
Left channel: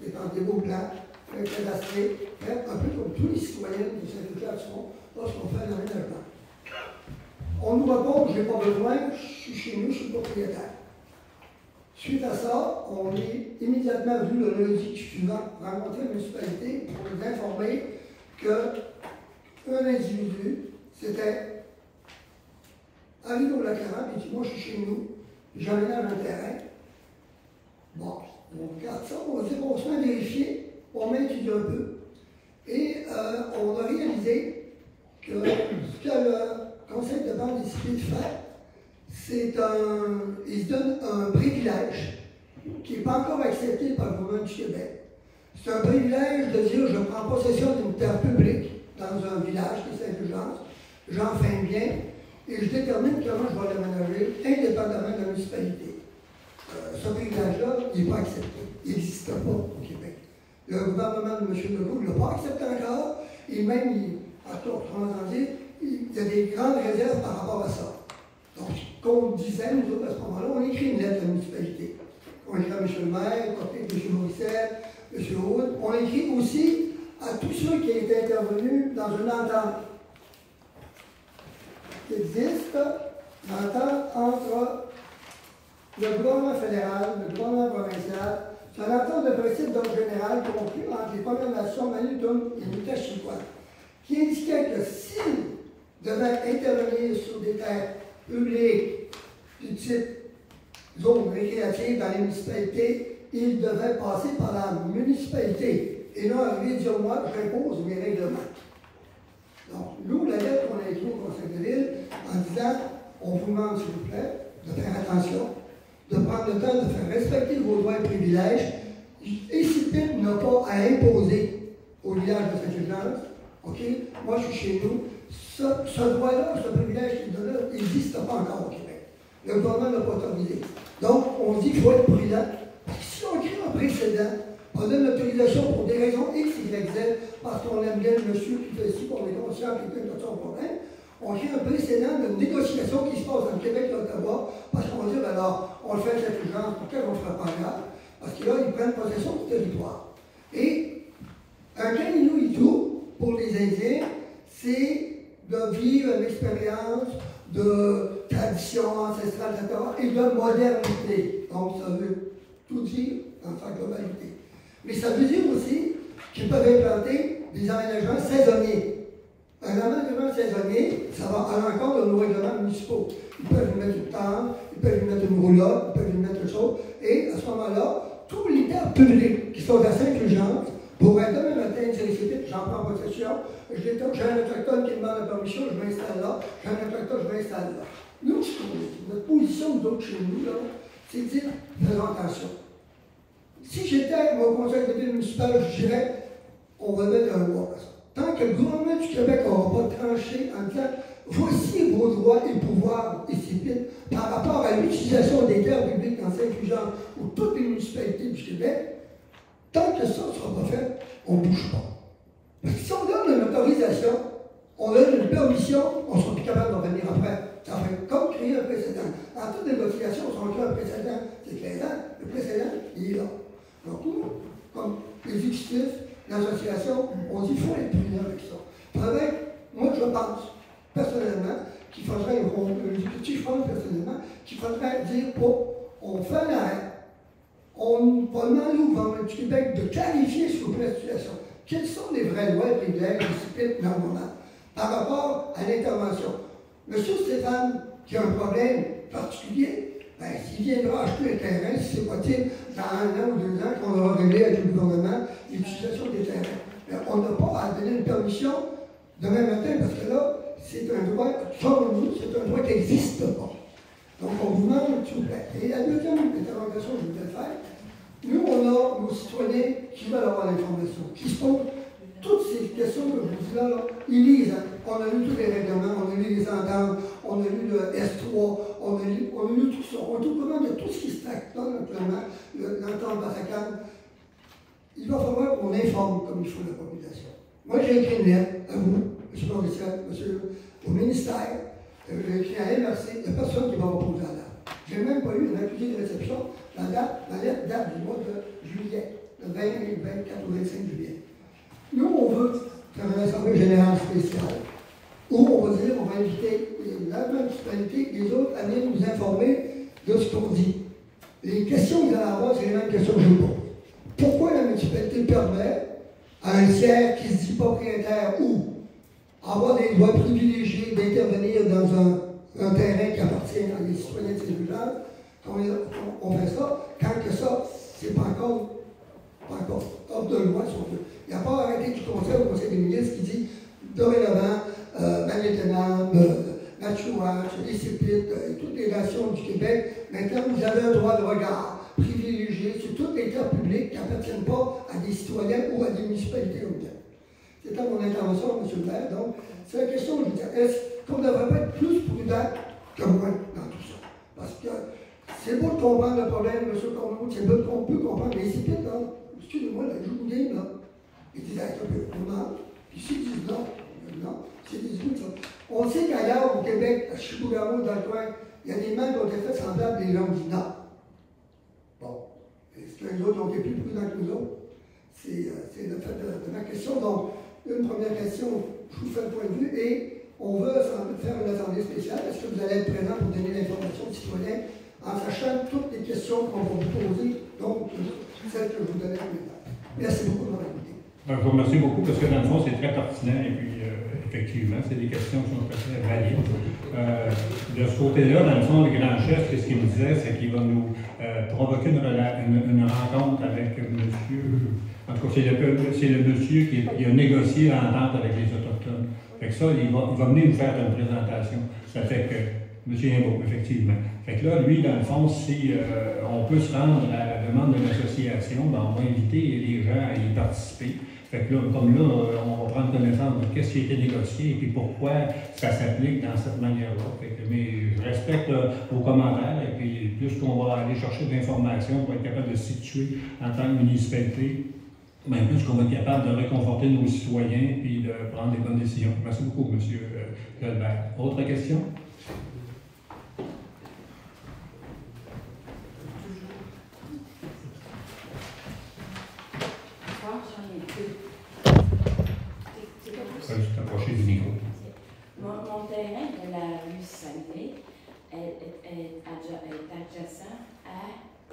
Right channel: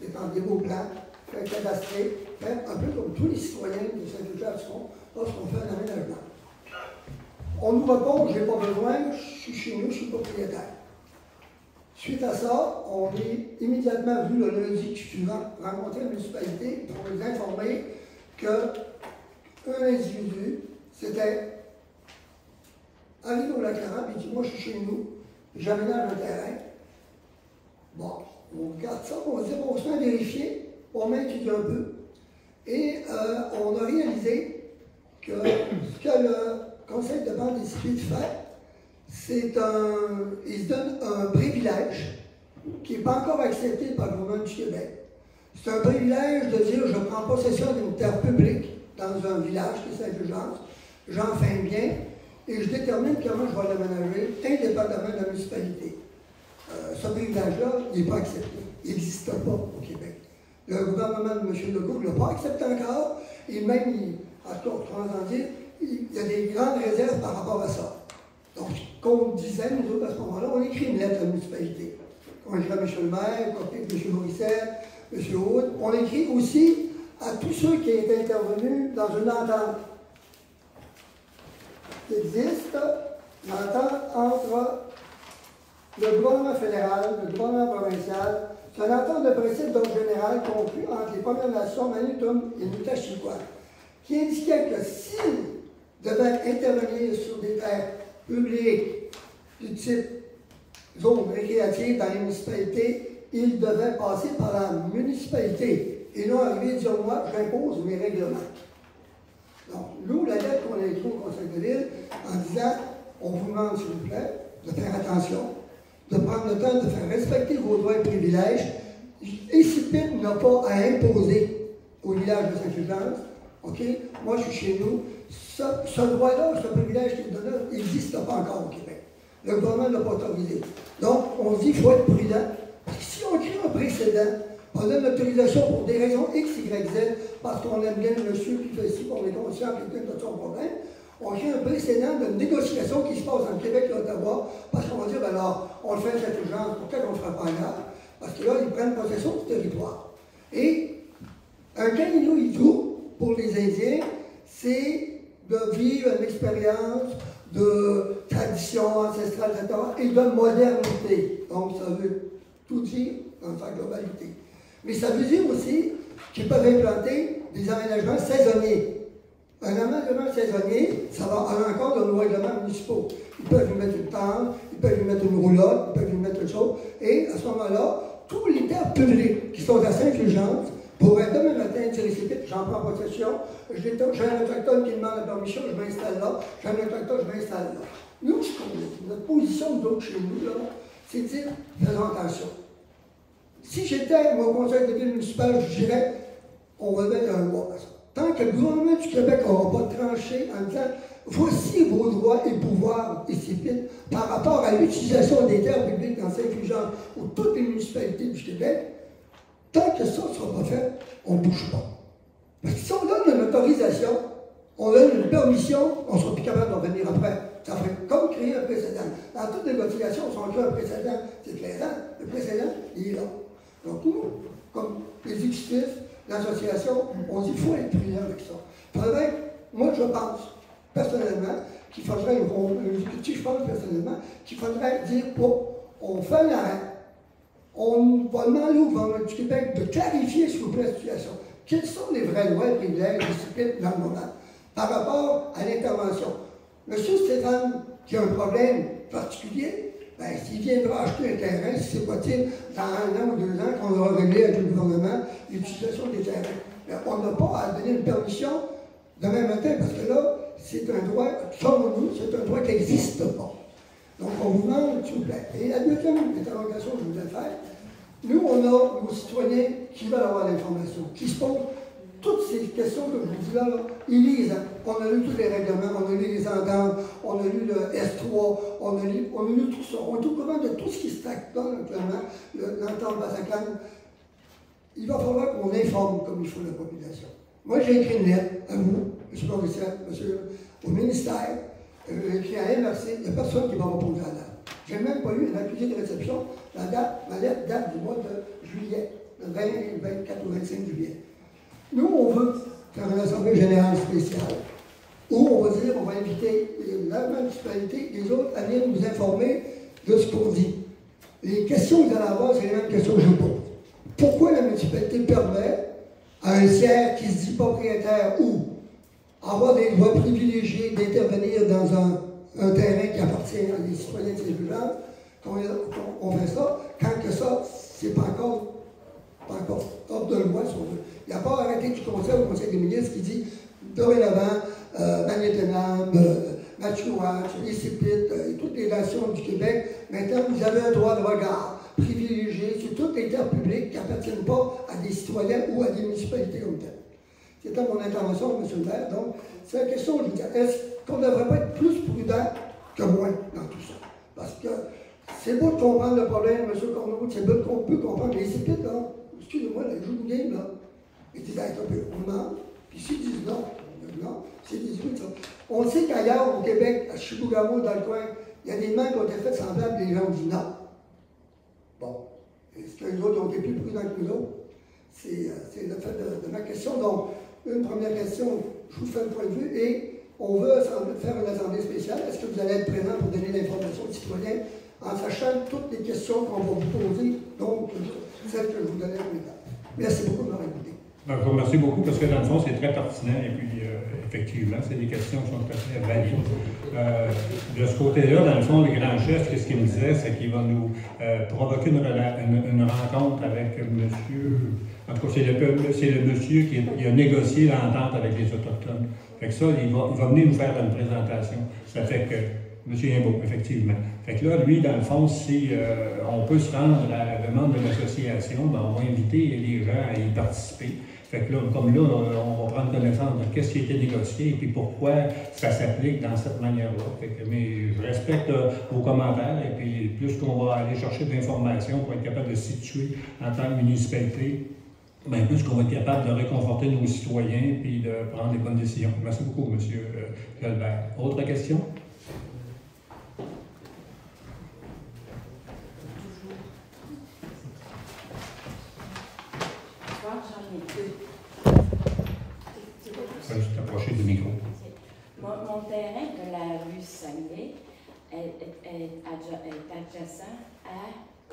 défendre des beaux plans, faire cadastrer, faire un peu comme tous les citoyens de cette situation lorsqu'on fait un aménagement. On nous répond, je n'ai pas besoin, je suis chez nous, je suis propriétaire. Suite à ça, on est immédiatement venu le lundi suivant rencontrer la municipalité pour nous informer qu'un individu s'était arrivé au lac Lorrain et dit moi je suis chez nous, j'aménage un terrain. Bon, on regarde ça, on va dire qu'on se met à vérifier, on met étudié un peu et on a réalisé que ce que le conseil de vente des CIPIT fait, il se donne un privilège qui n'est pas encore accepté par le gouvernement du Québec. C'est un privilège de dire je prends possession d'une terre publique dans un village qui est Saint-Fulgence, j'en fais un bien et je détermine comment je vais l'aménager indépendamment de la municipalité. Ce privilège-là, il n'est pas accepté. Il n'existe pas au Québec. Le gouvernement de M. Legault ne l'a pas accepté encore et même, il y a des grandes réserves par rapport à ça. Donc, comme on disait, nous autres, à ce moment-là, on écrit une lettre à la municipalité. On écrit à M. le maire, à M. Morissette, M. Hood. On écrit aussi à tous ceux qui étaient intervenus dans une entente qui existe, l'entente entre le gouvernement fédéral, le gouvernement provincial. C'est une entente de principe d'ordre général conclue entre les Premières Nations, Manitou et Nutashikwa, qui indiquait que s'ils devaient intervenir sur des terres publiques du type zone récréative dans les municipalités, il devait passer par la municipalité et non arriver et dire moi, j'impose mes règlements. Donc, nous, la lettre qu'on a écrite au Conseil de ville en disant on vous demande, s'il vous plaît, de faire attention, de prendre le temps de faire respecter vos droits et privilèges. ECPIT n'a pas à imposer au village de Saint-Fulgence. OK? Moi, je suis chez nous. Ce droit-là, ce privilège qu'il donne, il n'existe pas encore au Québec. Le gouvernement n'a pas autorisé. Donc, on dit qu'il faut être prudent. Parce que si on crée un précédent, on donne l'autorisation pour des raisons X, Y, Z, parce qu'on aime bien le monsieur qui fait ici, qu'on est conscient qu'il y a son problème, on crée un précédent de négociation qui se passe dans le Québec et l'Ottawa, parce qu'on va dire, ben alors, on le fait de cette urgence, pourquoi on ne le fera pas là? Parce que là, ils prennent possession du territoire. Et un Kaninou-Itou, pour les Indiens, c'est de vivre une expérience de tradition ancestrale, etc., et de modernité. Donc, ça veut tout dire dans sa globalité. Mais ça veut dire aussi qu'ils peuvent implanter des aménagements saisonniers. Un aménagement saisonnier, ça va à l'encontre de nos règlements municipaux. Ils peuvent lui mettre une tente, ils peuvent lui mettre une roulotte, ils peuvent lui mettre une chose, et à ce moment-là, tous les terres publiques qui sont à Saint-Fulgence pourraient demain matin dire ici, j'en prends possession, j'ai un autochtone qui demande la permission, je m'installe là, j'ai un autochtone, je m'installe là. Nous, ce qu'on dit, notre position d'autres chez nous, là, c'est de dire, faisons attention. Si j'étais mon conseil de ville municipal, je dirais, on va mettre un loi à ça. Tant que le gouvernement du Québec n'aura pas tranché en disant voici vos droits et pouvoirs ici par rapport à l'utilisation des terres publiques dans Saint-Fulgence ou toutes les municipalités du Québec, tant que ça ne sera pas fait, on ne bouge pas. Parce que si on donne une autorisation, on donne une permission, on ne sera plus capable d'en revenir après. Ça fait comme créer un précédent. Dans toute négociation, si on crée un précédent, c'est clair. Le précédent, il est là. Donc nous, comme les exécutifs, l'association, on dit qu'il faut être prudent avec ça. Moi, je pense, personnellement, qu'il faudrait, je pense personnellement, qu'il faudrait dire, on fait l'arrêt, on va demander au gouvernement du Québec de clarifier, s'il vous plaît, la situation. Quels sont les vrais droits et privilèges de dans le moment par rapport à l'intervention? M. Stéphane, qui a un problème particulier, ben, s'il viendra acheter un terrain, si c'est possible, dans 1 an ou 2 ans, qu'on aura réglé avec le gouvernement l'utilisation des terrains. Mais on n'a pas à donner une permission demain matin, parce que là, c'est un droit, comme nous, c'est un droit qui n'existe pas. Donc, on vous demande, s'il vous plaît. Et la deuxième interrogation que je voudrais faire, nous, on a nos citoyens qui veulent avoir l'information, qui se posent toutes ces questions que je vous dis là, ils lisent. Hein. On a lu tous les règlements, on a lu les ententes, on a lu le S3, on a lu tout ça. On est au courant de tout ce qui se traite là, actuellement, l'entente Bassacane. Il va falloir qu'on informe comme il faut la population. Moi, j'ai écrit une lettre à vous, M. Provincial, monsieur, au ministère. J'ai écrit à MRC, il n'y a personne qui va répondre à la date. Je n'ai même pas eu un accusé de réception. Ma lettre date du mois de juillet, le 20, 24 ou 25 juillet. Nous, on veut faire une assemblée générale spéciale, où on va dire, on va inviter la municipalité et les autres à venir nous informer de ce qu'on dit. Les questions que vous allez avoir, c'est les mêmes questions que je pose. Pourquoi la municipalité permet à un tiers qui se dit propriétaire ou avoir des droits privilégiés d'intervenir dans un terrain qui appartient à des citoyens de Saint-Fulgence, on fait ça, quand que ça, c'est pas encore hors de loi, si on veut. Il n'y a pas arrêté du Conseil des ministres qui dit dorénavant, Magnétenam, Matchouach, Issipit et toutes les nations du Québec, maintenant vous avez un droit de regard privilégié sur toutes les terres publiques qui n'appartiennent pas à des citoyens ou à des municipalités ou telles. C'était mon intervention, M. le maire. Donc, c'est la question, je veux dire, est-ce qu'on ne devrait pas être plus prudent que moins dans tout ça? Parce que c'est beau de comprendre le problème, M. Corneau, c'est beau qu'on peut comprendre, mais Issipit, là, excusez-moi, le joue de game, là, ils disent un peu non, puis s'ils disent non, s'ils disent oui, ça. On sait qu'ailleurs, au Québec, à Chibougamau, dans le coin, il y a des demandes qui ont été faites semblables, les gens ont dit non. Bon, est-ce qu'eux autres ont été plus prudents que nous autres? C'est le fait de ma question. Donc, une première question, je vous fais un point de vue, et on veut faire une assemblée spéciale. Est-ce que vous allez être présent pour donner l'information aux citoyens en sachant toutes les questions qu'on va vous poser, donc celles que je vous donnais maintenant? Merci beaucoup de m'avoir écouté. Je vous remercie beaucoup parce que dans le fond, c'est très pertinent et puis effectivement, c'est des questions qui sont tout à fait valides. De ce côté-là, dans le fond, le grand chef, ce qu'il me disait, c'est qu'il va nous provoquer une rencontre avec monsieur. En tout cas, c'est le monsieur qui a négocié l'entente avec les Autochtones. Fait que ça, il va venir nous faire une présentation. Ça fait que M. Imbeau, effectivement. Fait que là, lui, dans le fond, si on peut se rendre à la demande de l'association, ben, on va inviter les gens à y participer. Fait que là, comme là, on va prendre connaissance de qu'est-ce qui a été négocié et puis pourquoi ça s'applique dans cette manière-là. Mais je respecte vos commentaires et puis plus qu'on va aller chercher de l'information pour être capable de se situer en tant que municipalité, bien plus qu'on va être capable de réconforter nos citoyens et de prendre les bonnes décisions. Merci beaucoup, M. Jalbert. Autre question? Juste approcher du micro. Mon terrain de la rue Saguenay est adjacent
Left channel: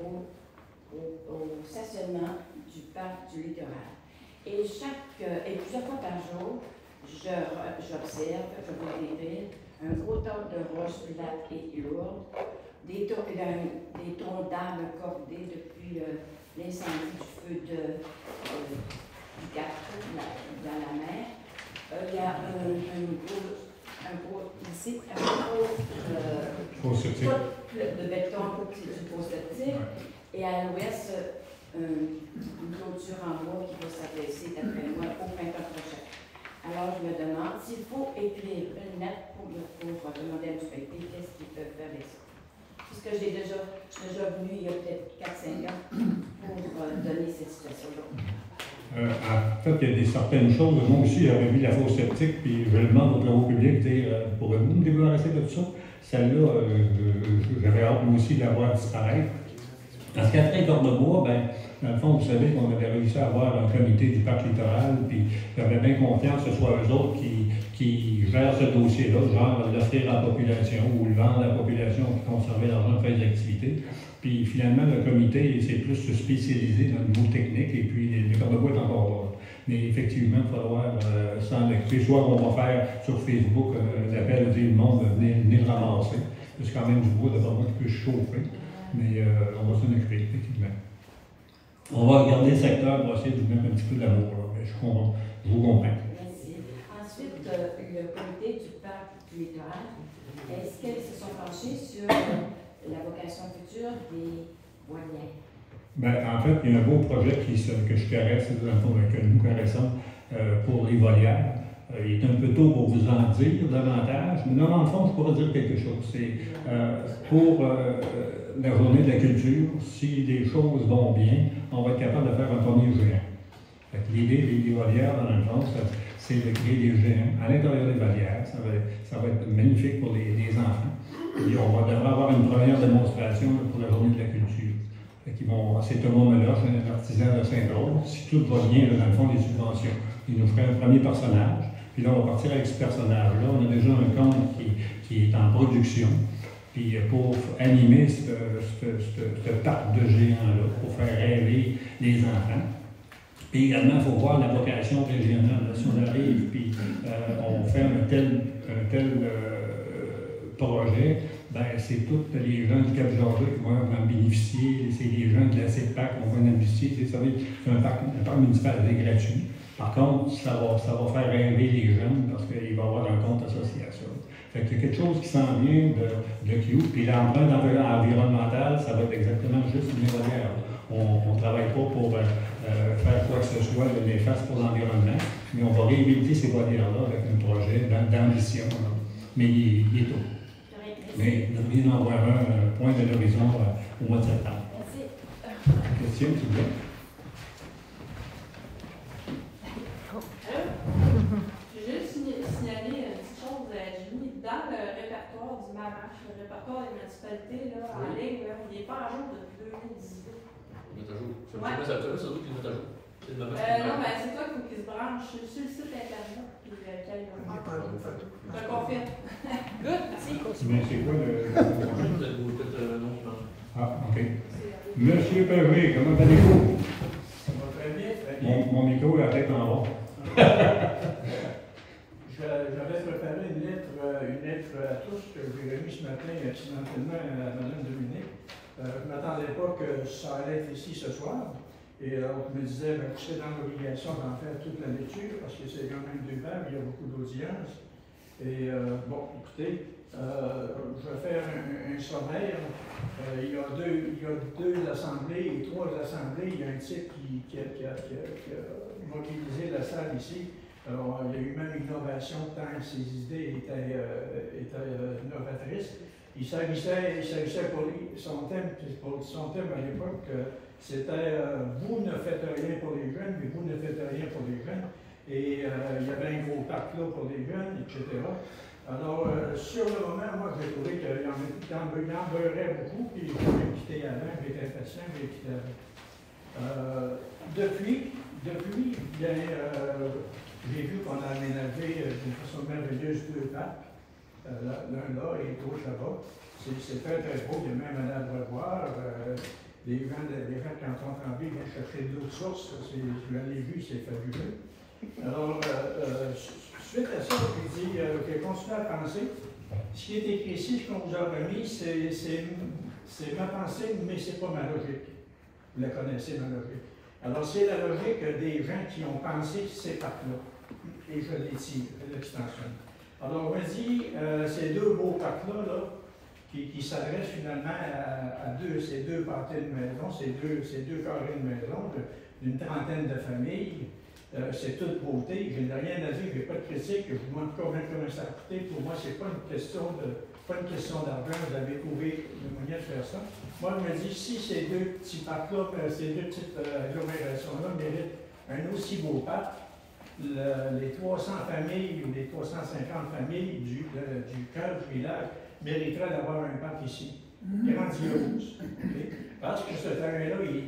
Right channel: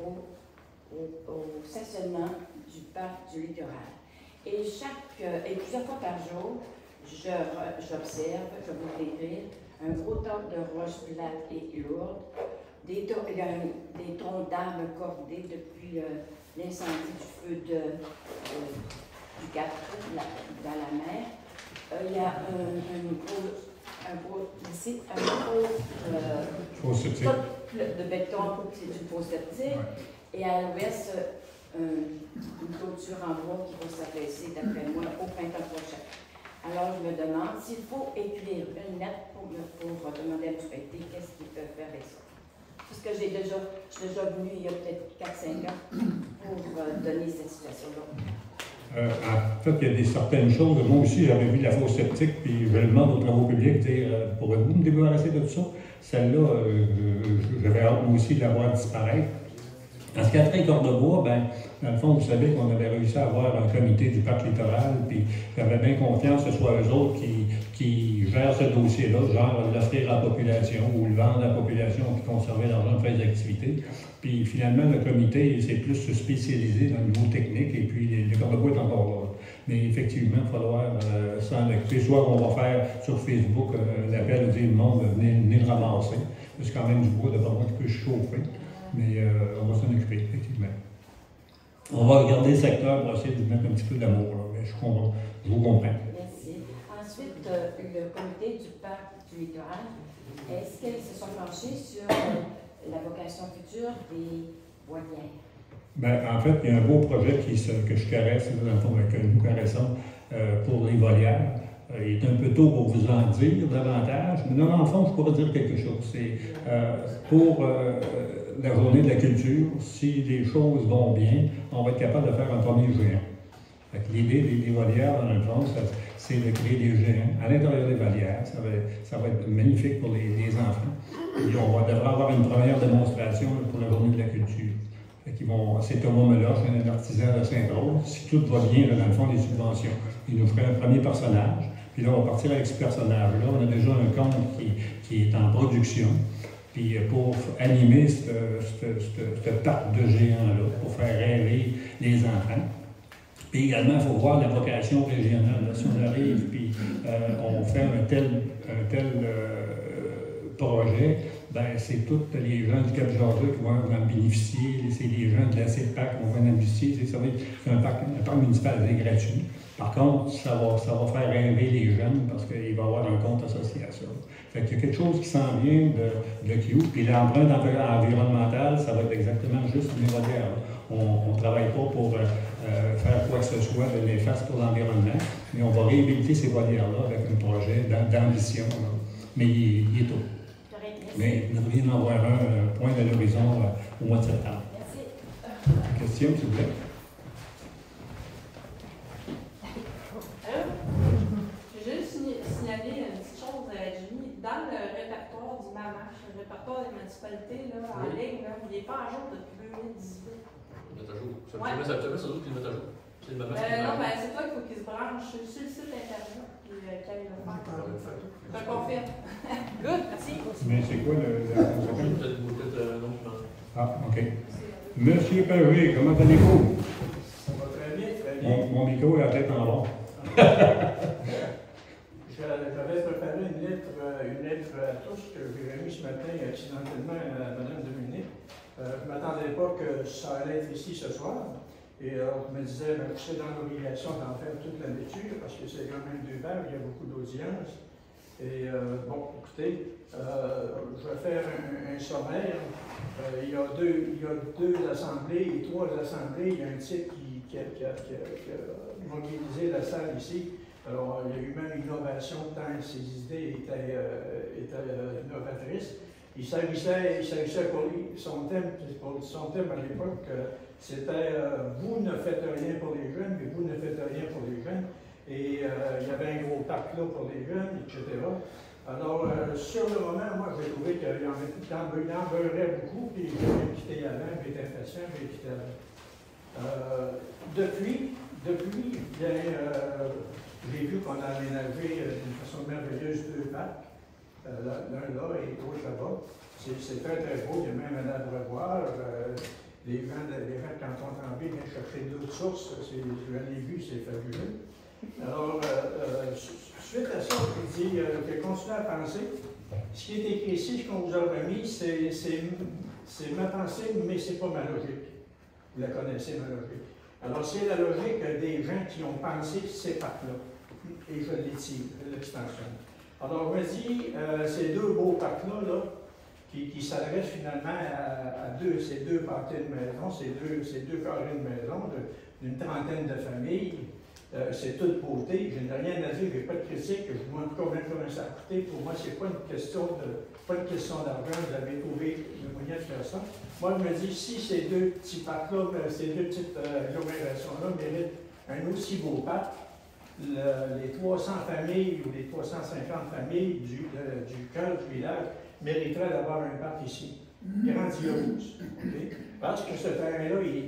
au stationnement du parc du littoral. Et plusieurs fois par jour, j'observe, je vois décrire un gros tas de roches plates et lourdes, des troncs d'arbres cordés depuis l'incendie du feu du Cap dans la mer. Il y a un gros de béton, c'est du faux septique, et à l'ouest, une clôture en bois qui va s'abaisser, d'après moi, au printemps prochain. Alors, je me demande s'il faut écrire une lettre pour demander à la municipalité qu'est-ce qu'ils peuvent faire avec ça. Puisque je suis déjà venu il y a peut-être 4-5 ans pour donner cette situation-là. En fait, il y a certaines choses. Moi aussi, j'avais vu la fosse septique, puis je demande aux travaux publics, pourrez-vous me débarrasser de tout ça? Celle-là, j'avais hâte moi aussi de la voir disparaître. En ce qui a trait à Cornebois, ben, dans le fond, vous savez qu'on avait réussi à avoir un comité du parc littoral, puis j'avais bien confiance que ce soit eux autres qui gèrent ce dossier-là, genre l'offrir à la population ou le vendre à la population qui conservait l'argent pour faire des activités. Puis finalement, le comité s'est plus spécialisé dans le niveau technique, et puis le Cornebois est encore là. Mais effectivement, il va falloir s'en occuper. Soit on va faire sur Facebook l'appel au le monde, venir le ramasser. C'est quand même du bois de Cornebois qui peut chauffer. Mais on va s'en occuper, effectivement. On va regarder le secteur pour essayer de mettre un petit peu d'amour. Mais je vous comprends. Merci. Ensuite, le comité du parc du littoral, est-ce qu'ils se sont penchés sur la vocation future des volières? Ben, en fait, il y a un beau projet que je caresse, dans le fond, que nous caressons pour les volières. Il est un peu tôt pour vous en dire davantage, mais dans le fond, je pourrais dire quelque chose. C'est pour la journée de la culture, si les choses vont bien, on va être capable de faire un premier géant. L'idée des volières, dans le fond, c'est de créer des géants à l'intérieur des volières. Ça va être magnifique pour les enfants. Et on devrait avoir une première démonstration pour la journée de la culture. C'est Thomas Meloche, un artisan de Sainte-Rose. Si tout va bien, là, dans le fond, les subventions, il nous ferait un premier personnage. Puis là, on va partir avec ce personnage-là. On a déjà un conte qui est en production. Puis pour animer ce parc de géants-là, pour faire rêver les enfants. Puis également, il faut voir la vocation régionale. Là, si on arrive, puis on fait un tel projet, ben, c'est tous les gens du Cap-Georges qui vont en bénéficier, c'est les gens de la CEPAC qui vont en bénéficier. C'est un parc municipal gratuit. Par contre, ça va faire rêver les jeunes parce qu'il va y avoir un compte associé à ça. Fait qu'il y a quelque chose qui s'en vient de cute. Puis l'empreinte environnementale, ça va être exactement juste une volière. On ne travaille pas pour faire quoi que ce soit de néfaste pour l'environnement, mais on va réhabiliter ces volières-là avec un projet d'ambition. Mais il est tôt. Mais nous devrions en avoir un point de l'horizon au mois de septembre. Merci. Question, s'il vous plaît? J'ai juste signalé une petite chose. J'ai mis dans le répertoire du MAMACH, le répertoire des municipalités là, en ligne, là, il n'est pas à jour depuis 2018. Il est à jour. Ça veut dire sans doute qu'il est à jour. C'est le MAMACH. Non, ben c'est toi qu'il faut qu'il se branche sur le site internet. Puis qu'il veut faire. Je te confirme. Good, merci. Mais c'est quoi le nom du MAMACH? Ah, OK. Monsieur Perry, comment allez-vous? Ça va très bien, très bien. Mon micro est à la tête en bas. Je lettre à tous que j'ai remise ce matin accidentellement à Madame Dominique. Je ne m'attendais pas que ça allait être ici ce soir. Et on me disait que c'est dans l'obligation d'en faire toute la lecture parce que c'est quand même 2 pages, il y a beaucoup d'audience. Et bon, écoutez, je vais faire un sommaire. Il y a deux assemblées et 3 assemblées. Il y a un type qui a mobilisé la salle ici. Alors, il y a eu même une innovation tant que ses idées étaient novatrices. Il s'agissait pour lui, son thème à l'époque, c'était vous ne faites rien pour les jeunes, mais vous ne faites rien pour les jeunes. Et il y avait un gros parc là pour les jeunes, etc. Alors, sur le moment, moi, j'ai trouvé qu'il en beurrait beaucoup, puis je vais quitter avant, j'étais impatient, je vais quitter avant. Depuis, j'ai vu qu'on a aménagé d'une façon merveilleuse 2 parcs. L'un là et l'autre là-bas. C'est très très beau, il y a même un abreuvoir. Les gens, quand on en vie, viennent chercher d'autres sources. Je l'ai vu, c'est fabuleux. Alors, suite à ça, j'ai continué à penser. Ce qui est écrit ici, ce qu'on vous a remis, c'est ma pensée, mais ce n'est pas ma logique. Vous la connaissez, ma logique. Alors, c'est la logique des gens qui ont pensé ces parcs-là. Et je l'étire, je l'extensionne. Alors, on me dit, ces 2 beaux parcs-là, qui s'adressent finalement à ces 2 parties de maison, ces deux carrés de maison, d'une trentaine de familles, c'est toute beauté. Je n'ai rien à dire, je n'ai pas de critique, je vous montre comment ça a coûté. Pour moi, ce n'est pas une question d'argent, vous avez trouvé le moyen de faire ça. Moi, je me dis, si ces 2 petits parcs-là, ces 2 petites agglomérations-là méritent un aussi beau parc, les 300 familles ou les 350 familles du cœur du village mériteraient d'avoir un parc ici, grandiose. Okay? Parce que ce terrain-là est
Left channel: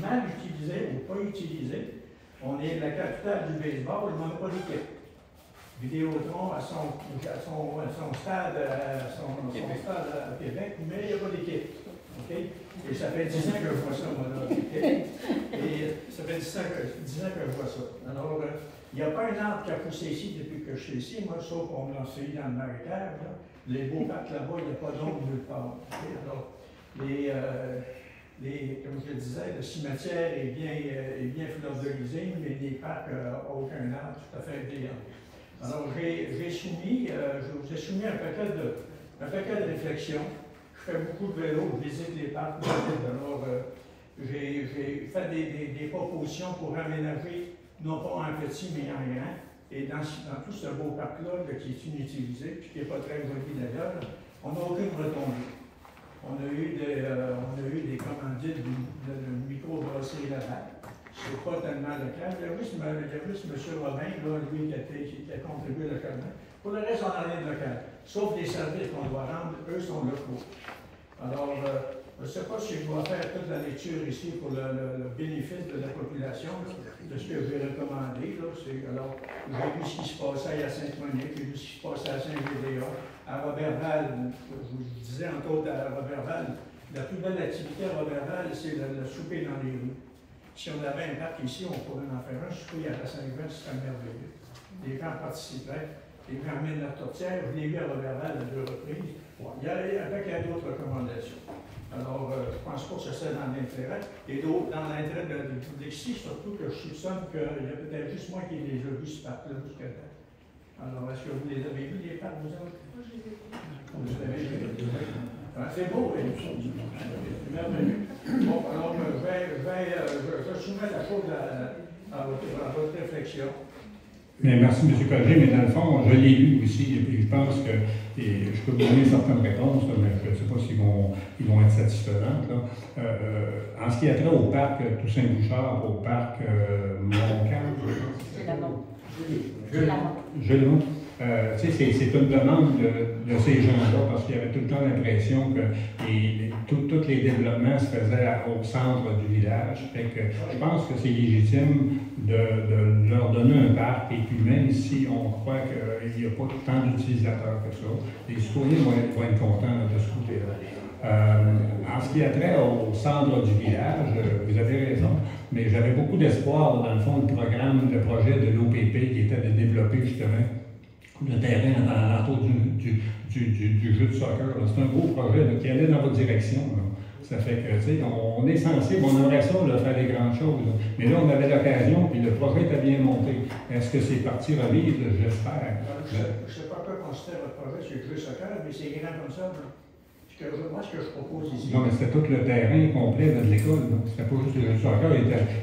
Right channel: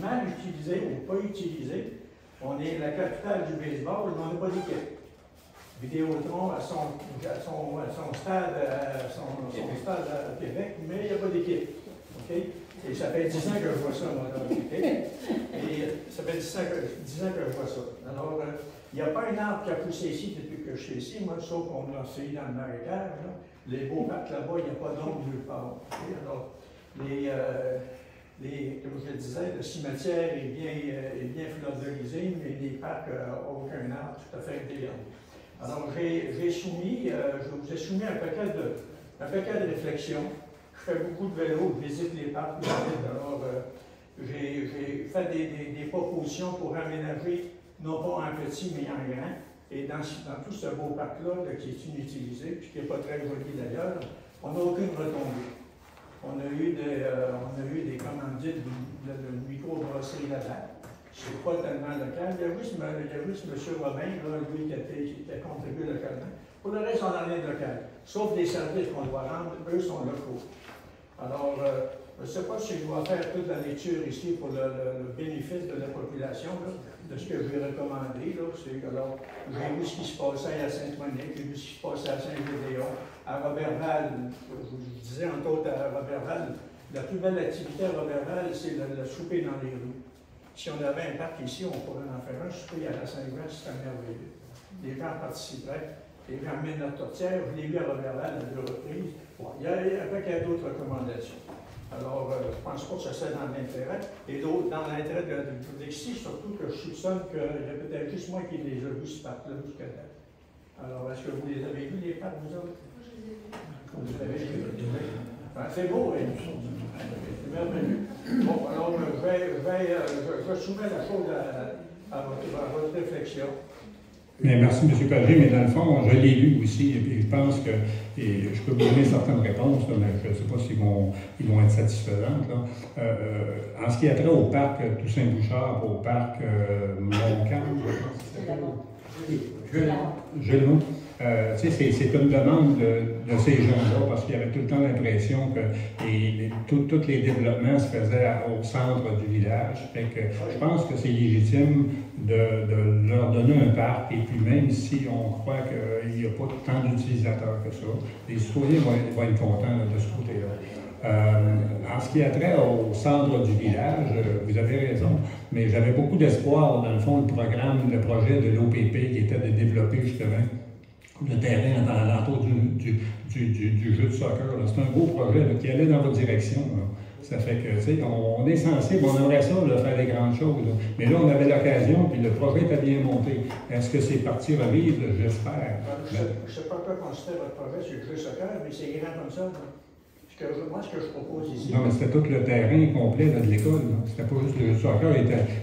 mal utilisé ou pas utilisé. On est la capitale du baseball, mais on n'a pas d'équipe. Vidéotron à son stade à Québec, mais il n'y a pas d'équipe. Okay? Et ça fait 10 ans que je vois ça, moi. Okay? Et ça fait 10 ans que je vois ça. Alors, il n'y a pas un arbre qui a poussé ici depuis que je suis ici, moi, sauf qu'on l'a essayé dans le marécage. Là. Les beaux parcs là-bas, il n'y a pas d'ombre nulle part. Okay? Alors, comme je le disais, le cimetière est bien fleurisé, mais les parcs n'ont aucun arbre tout à fait intégrant. Alors, je vous ai soumis un paquet de réflexions. Je fais beaucoup de vélo, je visite les parcs. Alors, j'ai fait des propositions pour aménager, non pas en petit, mais en grand. Et dans tout ce beau parc-là, qui est inutilisé, puis qui n'est pas très joli d'ailleurs, on n'a aucune retombée. On a eu des commandites de micro-brasserie Laval. Ce n'est pas tellement local. Il y a juste M. Robin, là, lui, qui a contribué localement. Pour le reste, on n'a rien de local. Sauf des services qu'on doit rendre, eux sont locaux. Alors, je ne sais pas si je dois faire toute la lecture ici pour le bénéfice de la population, là, de ce que je vais recommander. J'ai vu ce qui se passait à Saint-Monique, j'ai vu ce qui se passait à Saint-Gédéon, à Roberval. Je vous disais, entre autres, à Roberval, la plus belle activité à Roberval, c'est le souper dans les rues. Si on avait un parc ici, on pourrait en faire un souper à la Saint-Jean, ce serait merveilleux. Les gens participeraient. Les gens amènent la tourtière, je l'ai vu à Roberval à 2 reprises. Il y a d'autres recommandations. Alors, je ne pense pas que ça soit dans l'intérêt. Et d'autres, dans l'intérêt d'ici, surtout que je soupçonne qu'il y a peut-être juste moi qui les ai vus ce parc-là jusqu'à date. Alors, est-ce que vous les avez vus, les parcs, vous autres? Moi, je les ai vus. Vous avez vus? C'est beau, oui. C'est merveilleux. Bon, alors, je soumets la chose à votre réflexion. Mais merci, M. Pagé, mais dans le fond, je l'ai lu aussi, et puis je pense que je peux vous donner certaines réponses, là, mais je ne sais pas s'ils vont être satisfaisantes. Là. En ce qui a trait au parc Toussaint-Bouchard, au parc Montcalm, c'est une demande de ces gens-là, parce qu'il y avait tout le temps l'impression que tous les développements se faisaient au centre du village. Fait que je pense que c'est légitime de leur donner un parc, et puis même si on croit qu'il n'y a pas tant d'utilisateurs que ça, les citoyens vont être contents de ce côté-là. En ce qui a trait au centre du village, vous avez raison, mais j'avais beaucoup d'espoir, dans le fond, le projet de l'OPP qui était de développer justement le terrain dans l'entour du jeu de soccer. C'est un beau projet là, qui allait dans votre direction. Là. Ça fait que, tu sais, on est sensible, on aimerait ça, là, faire des grandes choses. Là. Mais là, on avait l'occasion, puis le projet était bien monté. Est-ce que c'est parti revivre? J'espère. Je ne sais pas quoi considérer votre projet sur le jeu de soccer, mais c'est grand comme ça. Là. Moi, ce que je propose ici. Non, mais c'était tout le terrain complet là, de l'école. C'était pas juste le jeu de soccer,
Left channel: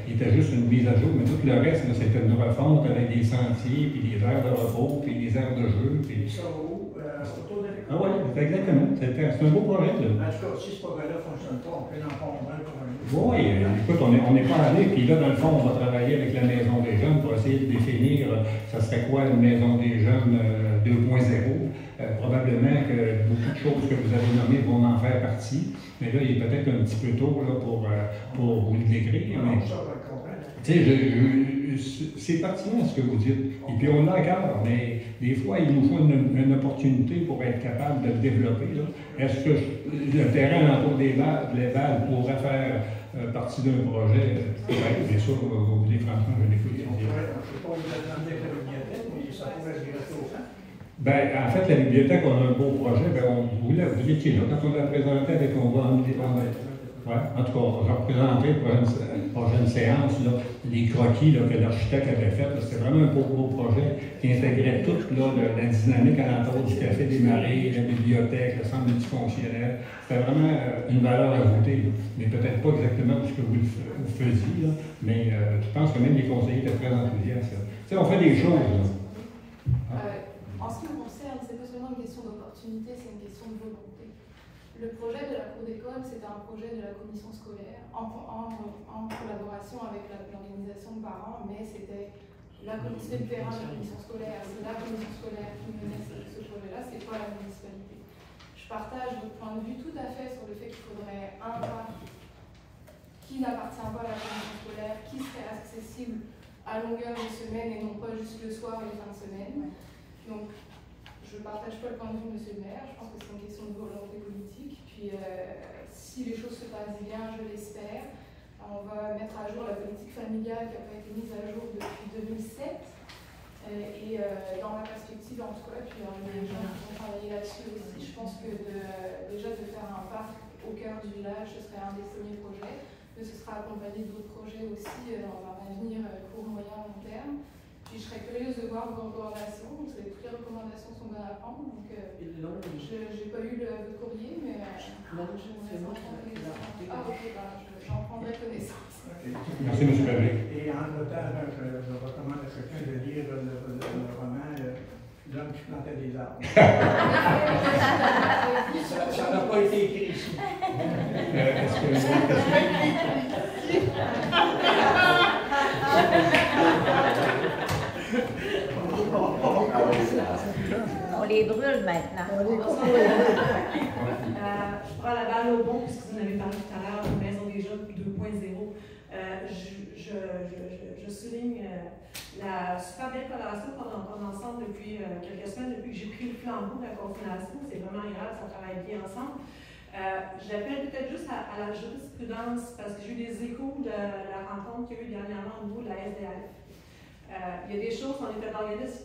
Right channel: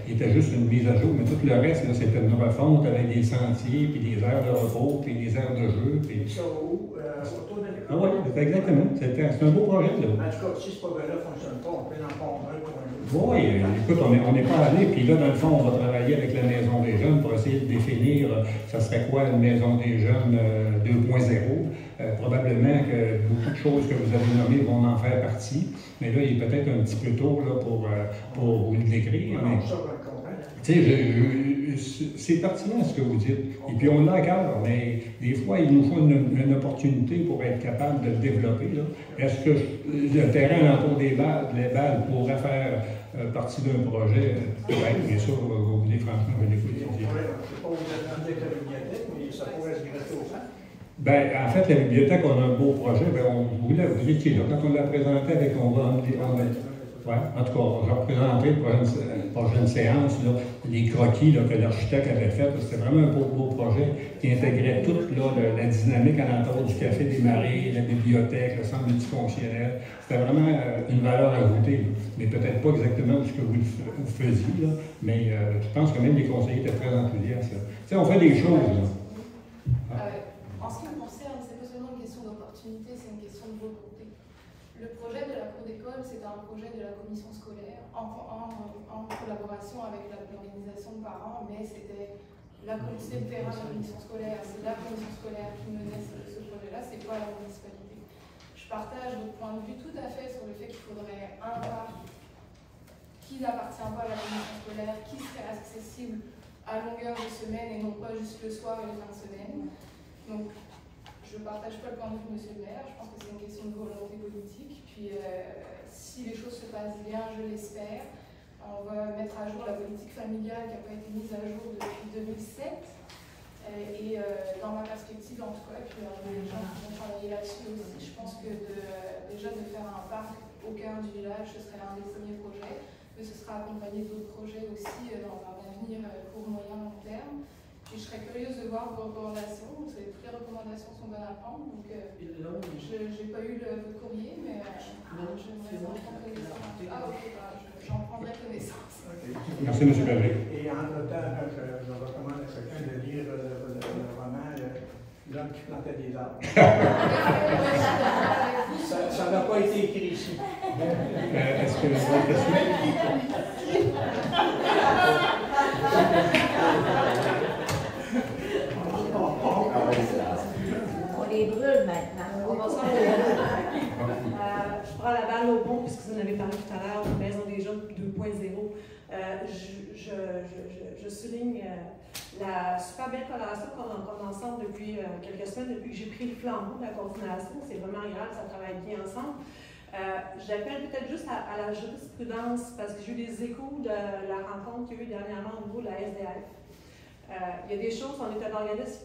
il était juste une mise à jour, mais tout le reste, c'était une refonte avec des sentiers, puis des aires de repos, puis des aires de jeu. Puis... Ça va où? Autour de l'école? Ah oui, exactement. C'est un beau projet. Là. En tout cas, si ce projet-là ne fonctionne pas, on peut en prendre un pour un autre. Oui, écoute, on n'est pas allé, puis là, dans le fond, on va travailler avec la Maison des Jeunes pour essayer de définir, ça serait quoi une Maison des Jeunes 2.0. Probablement que beaucoup de choses que vous avez nommées vont en faire partie, mais là, il est peut-être un petit peu tôt là, pour vous le décrire. Mais, c'est pertinent ce que vous dites. Et puis on l'a à cœur, mais des fois, il nous faut une opportunité pour être capable de le développer. Est-ce que le terrain alentour des balles pourrait faire partie d'un projet? Oui, bien sûr, vous voulez franchement, je l'écoute. Je ne sais pas vous attendez que la bibliothèque, mais ça pourrait se greffer au centre. Ben, en fait, la bibliothèque, on a un beau projet. Ben, vous étiez là quand on l'a présenté avec ouais, en tout cas, je représenterai pour une prochaine séance là, les croquis là, que l'architecte avait fait. C'était vraiment un beau projet qui intégrait toute là, la dynamique alentour du Café des Marais, la bibliothèque, le centre multifonctionnel. C'était vraiment une valeur ajoutée. Là. Mais peut-être pas exactement ce que vous faisiez, là, mais je pense que même les conseillers étaient très enthousiastes. Tu sais, on fait des choses. Là. En ce qui me concerne, c'est pas seulement une question d'opportunité, c'est une question de volonté. Le projet de la cour d'école, c'était un projet de la commission scolaire en collaboration avec l'organisation de parents, mais c'était la commission de terrain de la commission scolaire. C'est la commission scolaire qui menait ce projet-là, c'est pas la municipalité. Je partage votre point de vue tout à fait sur le fait qu'il faudrait un parc qui n'appartient pas à la commission scolaire, qui serait accessible à longueur de semaine et non pas juste le soir et les fins de semaine. Donc, je ne partage pas le point de vue de M. le maire, je pense que c'est une question de volonté politique. Puis, si les choses se passent bien, je l'espère, on va mettre à jour la politique familiale qui n'a pas été mise à jour depuis 2007. Et dans ma perspective, en tout cas, et puis on va travailler là-dessus aussi. Je pense que déjà de faire un parc au cœur du village, ce serait un des premiers projets, mais ce sera accompagné d'autres projets aussi dans un avenir court, moyen, long terme. Puis je serais curieuse de voir vos recommandations, parce que toutes les recommandations sont bonnes à prendre. Donc, je n'ai pas eu le courrier, mais j'en prendrai connaissance. Merci, M. Perret. Et en même temps, je recommande à chacun de lire le roman L'homme qui plantait des arbres. Ça n'a pas été écrit ici. Est-ce que vous avez une question? On les brûle maintenant. Je prends la balle au bon, puisque vous en avez parlé tout à l'heure, de Maison des Jeunes 2.0. Je souligne la super belle collaboration qu'on a ensemble depuis quelques semaines, depuis que j'ai pris le flambeau de la coordination. C'est vraiment agréable, ça travaille bien ensemble. J'appelle peut-être juste à la jurisprudence, parce que j'ai eu des échos de la rencontre qu'il y a eu dernièrement au niveau de la SDF. Il y a des choses, on est un organisme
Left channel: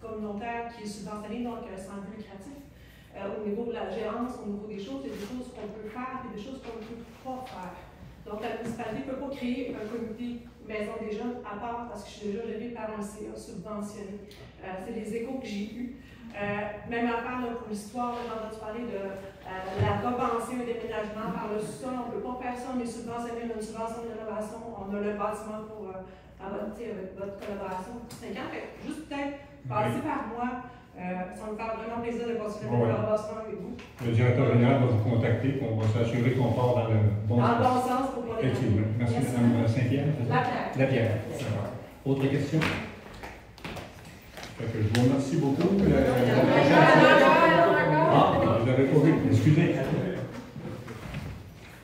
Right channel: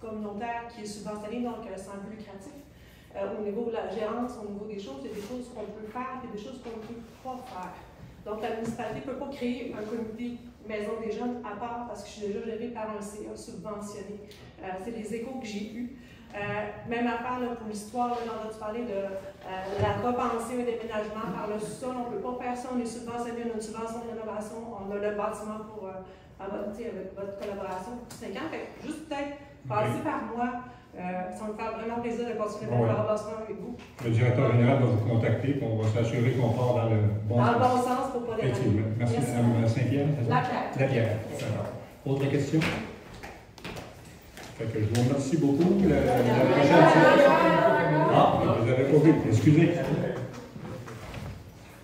communautaire qui est subventionné, donc sans but lucratif. Au niveau de la gérance, au niveau des choses, il y a des choses qu'on peut faire et des choses qu'on ne peut pas faire. Donc la municipalité ne peut pas créer un comité Maison des Jeunes à part parce que je suis déjà gérée par un CA subventionné. C'est les échos que j'ai eus. Même affaire pour l'histoire, on a parlé de la repensée au déménagement par le sol. On ne peut pas faire ça, on est subventionné, on a une subvention de rénovation, on a le bâtiment pour abonner avec votre collaboration pour 5 ans. Fait que juste peut-être passer par moi. Ça me fait vraiment plaisir de continuer la collaboration avec vous. Le directeur général va vous contacter et on va s'assurer qu'on part dans le bon sens. Dans le bon sens pour pas les. Effectivement. Merci, Mme Saint-Pierre. Lapierre. D'accord. Autre question? Fait que je vous remercie beaucoup. La prochaine fois. Ah, vous n'avez pas vu. Excusez.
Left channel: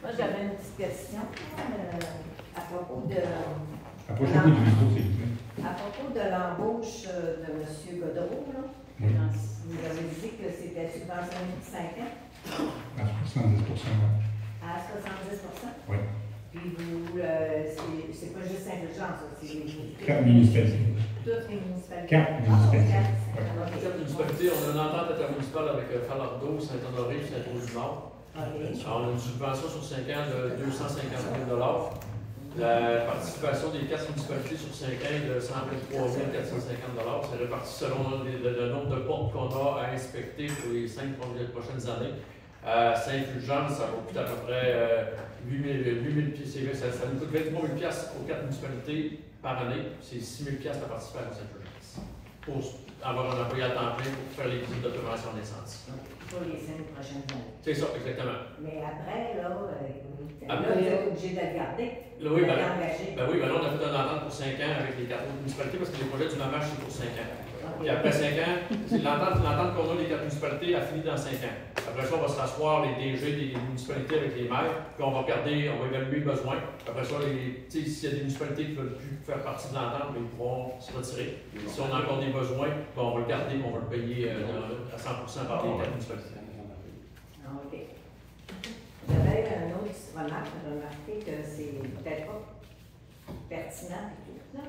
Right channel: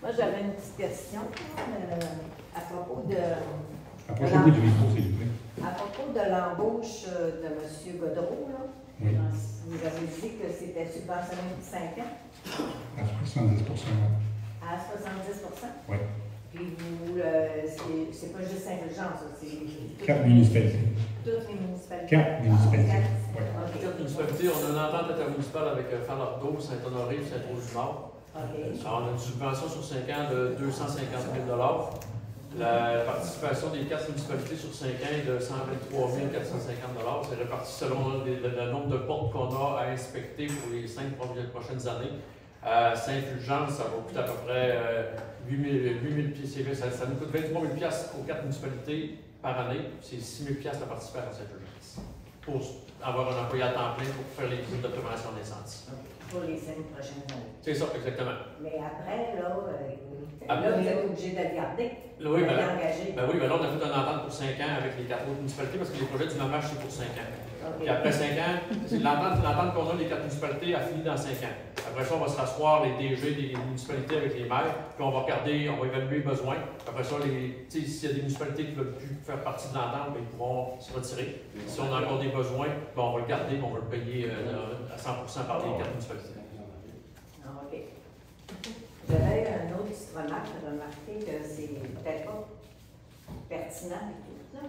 Moi, j'avais une petite question à propos de. Approchez-vous du micro, s'il vous plaît. À propos de l'embauche de M. Godreau, là. Oui. Vous avez dit que c'était subventionné de 5 ans? À 70 À 70 oui. Puis vous, c'est pas juste Saint-Fulgence, c'est. 4 municipalités. Toutes les municipalités. 4 municipalités. Oui. OK. municipalités, on a une entente intermunicipale avec Falardeau, Saint-Honoré et Saint-Rose-du-Nord. Alors, on a une subvention sur 5 ans de 250 000 $. La participation des 4 municipalités sur 5 ans est de 123 450 $. C'est réparti selon le nombre de portes qu'on a à inspecter pour les 5 prochaines années. Saint-Fulgence, ça va coûter à peu près 8 000 $. Ça nous coûte 23 000 $ aux 4 municipalités par année. C'est 6 000 $ la participation à Saint-Fulgence. Pour avoir un employé à temps plein pour faire les visites d'observation d'incendie. Pour les 5 prochaines années. C'est ça, exactement. Mais après, là, après, vous êtes obligé de garder. Oui, ben là, on a fait une entente pour 5 ans avec les 4 autres municipalités parce que les projets du MAMACH, c'est pour 5 ans. Puis après 5 ans, l'entente qu'on a les 4 municipalités a fini dans 5 ans. Après ça, on va se rasseoir les DG des municipalités avec les maires, puis on va évaluer les besoins. Après ça, s'il y a des municipalités qui ne veulent plus faire partie de l'entente, ils pourront se retirer. Si on a encore des besoins, ben, on va le garder, mais on va le payer à 100% par les 4 municipalités. OK. J'avais un autre petite remarque, j'ai remarqué que c'est peut-être pas pertinent du tout, là.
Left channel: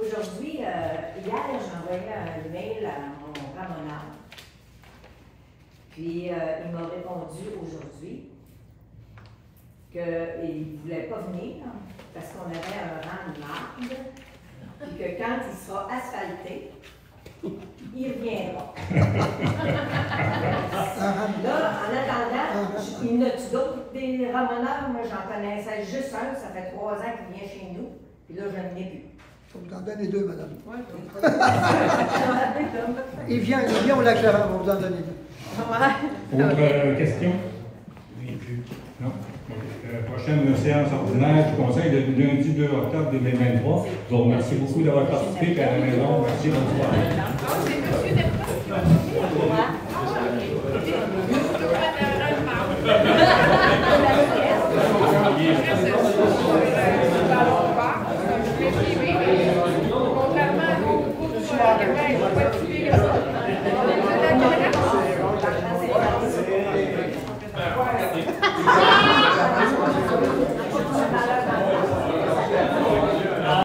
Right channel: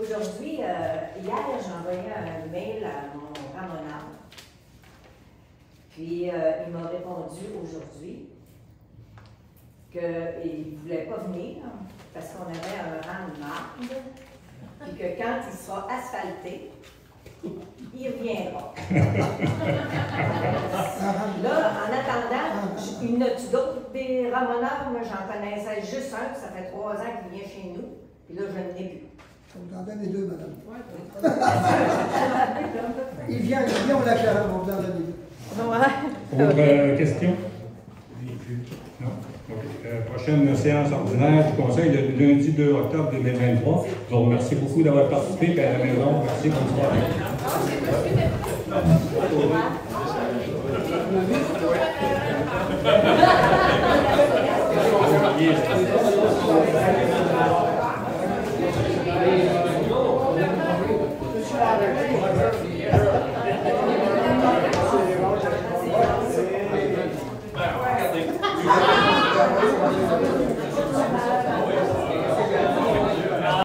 Aujourd'hui, hier, j'ai envoyé un mail à mon âme. Puis, il m'a répondu aujourd'hui qu'il ne voulait pas venir parce qu'on avait un rang de marde. Puis que quand il sera asphalté, il reviendra. Là, en attendant, il y en a-tu d'autres des ramoneurs? Moi, j'en connaissais juste un, ça fait 3 ans qu'il vient chez nous. Puis là, je n'en ai plus. Vous en donnez 2, madame. Il vient au lac Gérard, on vous en donne 2. Autre question? Non? Okay. Prochaine séance ordinaire du Conseil le lundi 2 octobre 2023. Je vous remercie beaucoup d'avoir participé à la maison. Merci, bonne soirée. Regardez.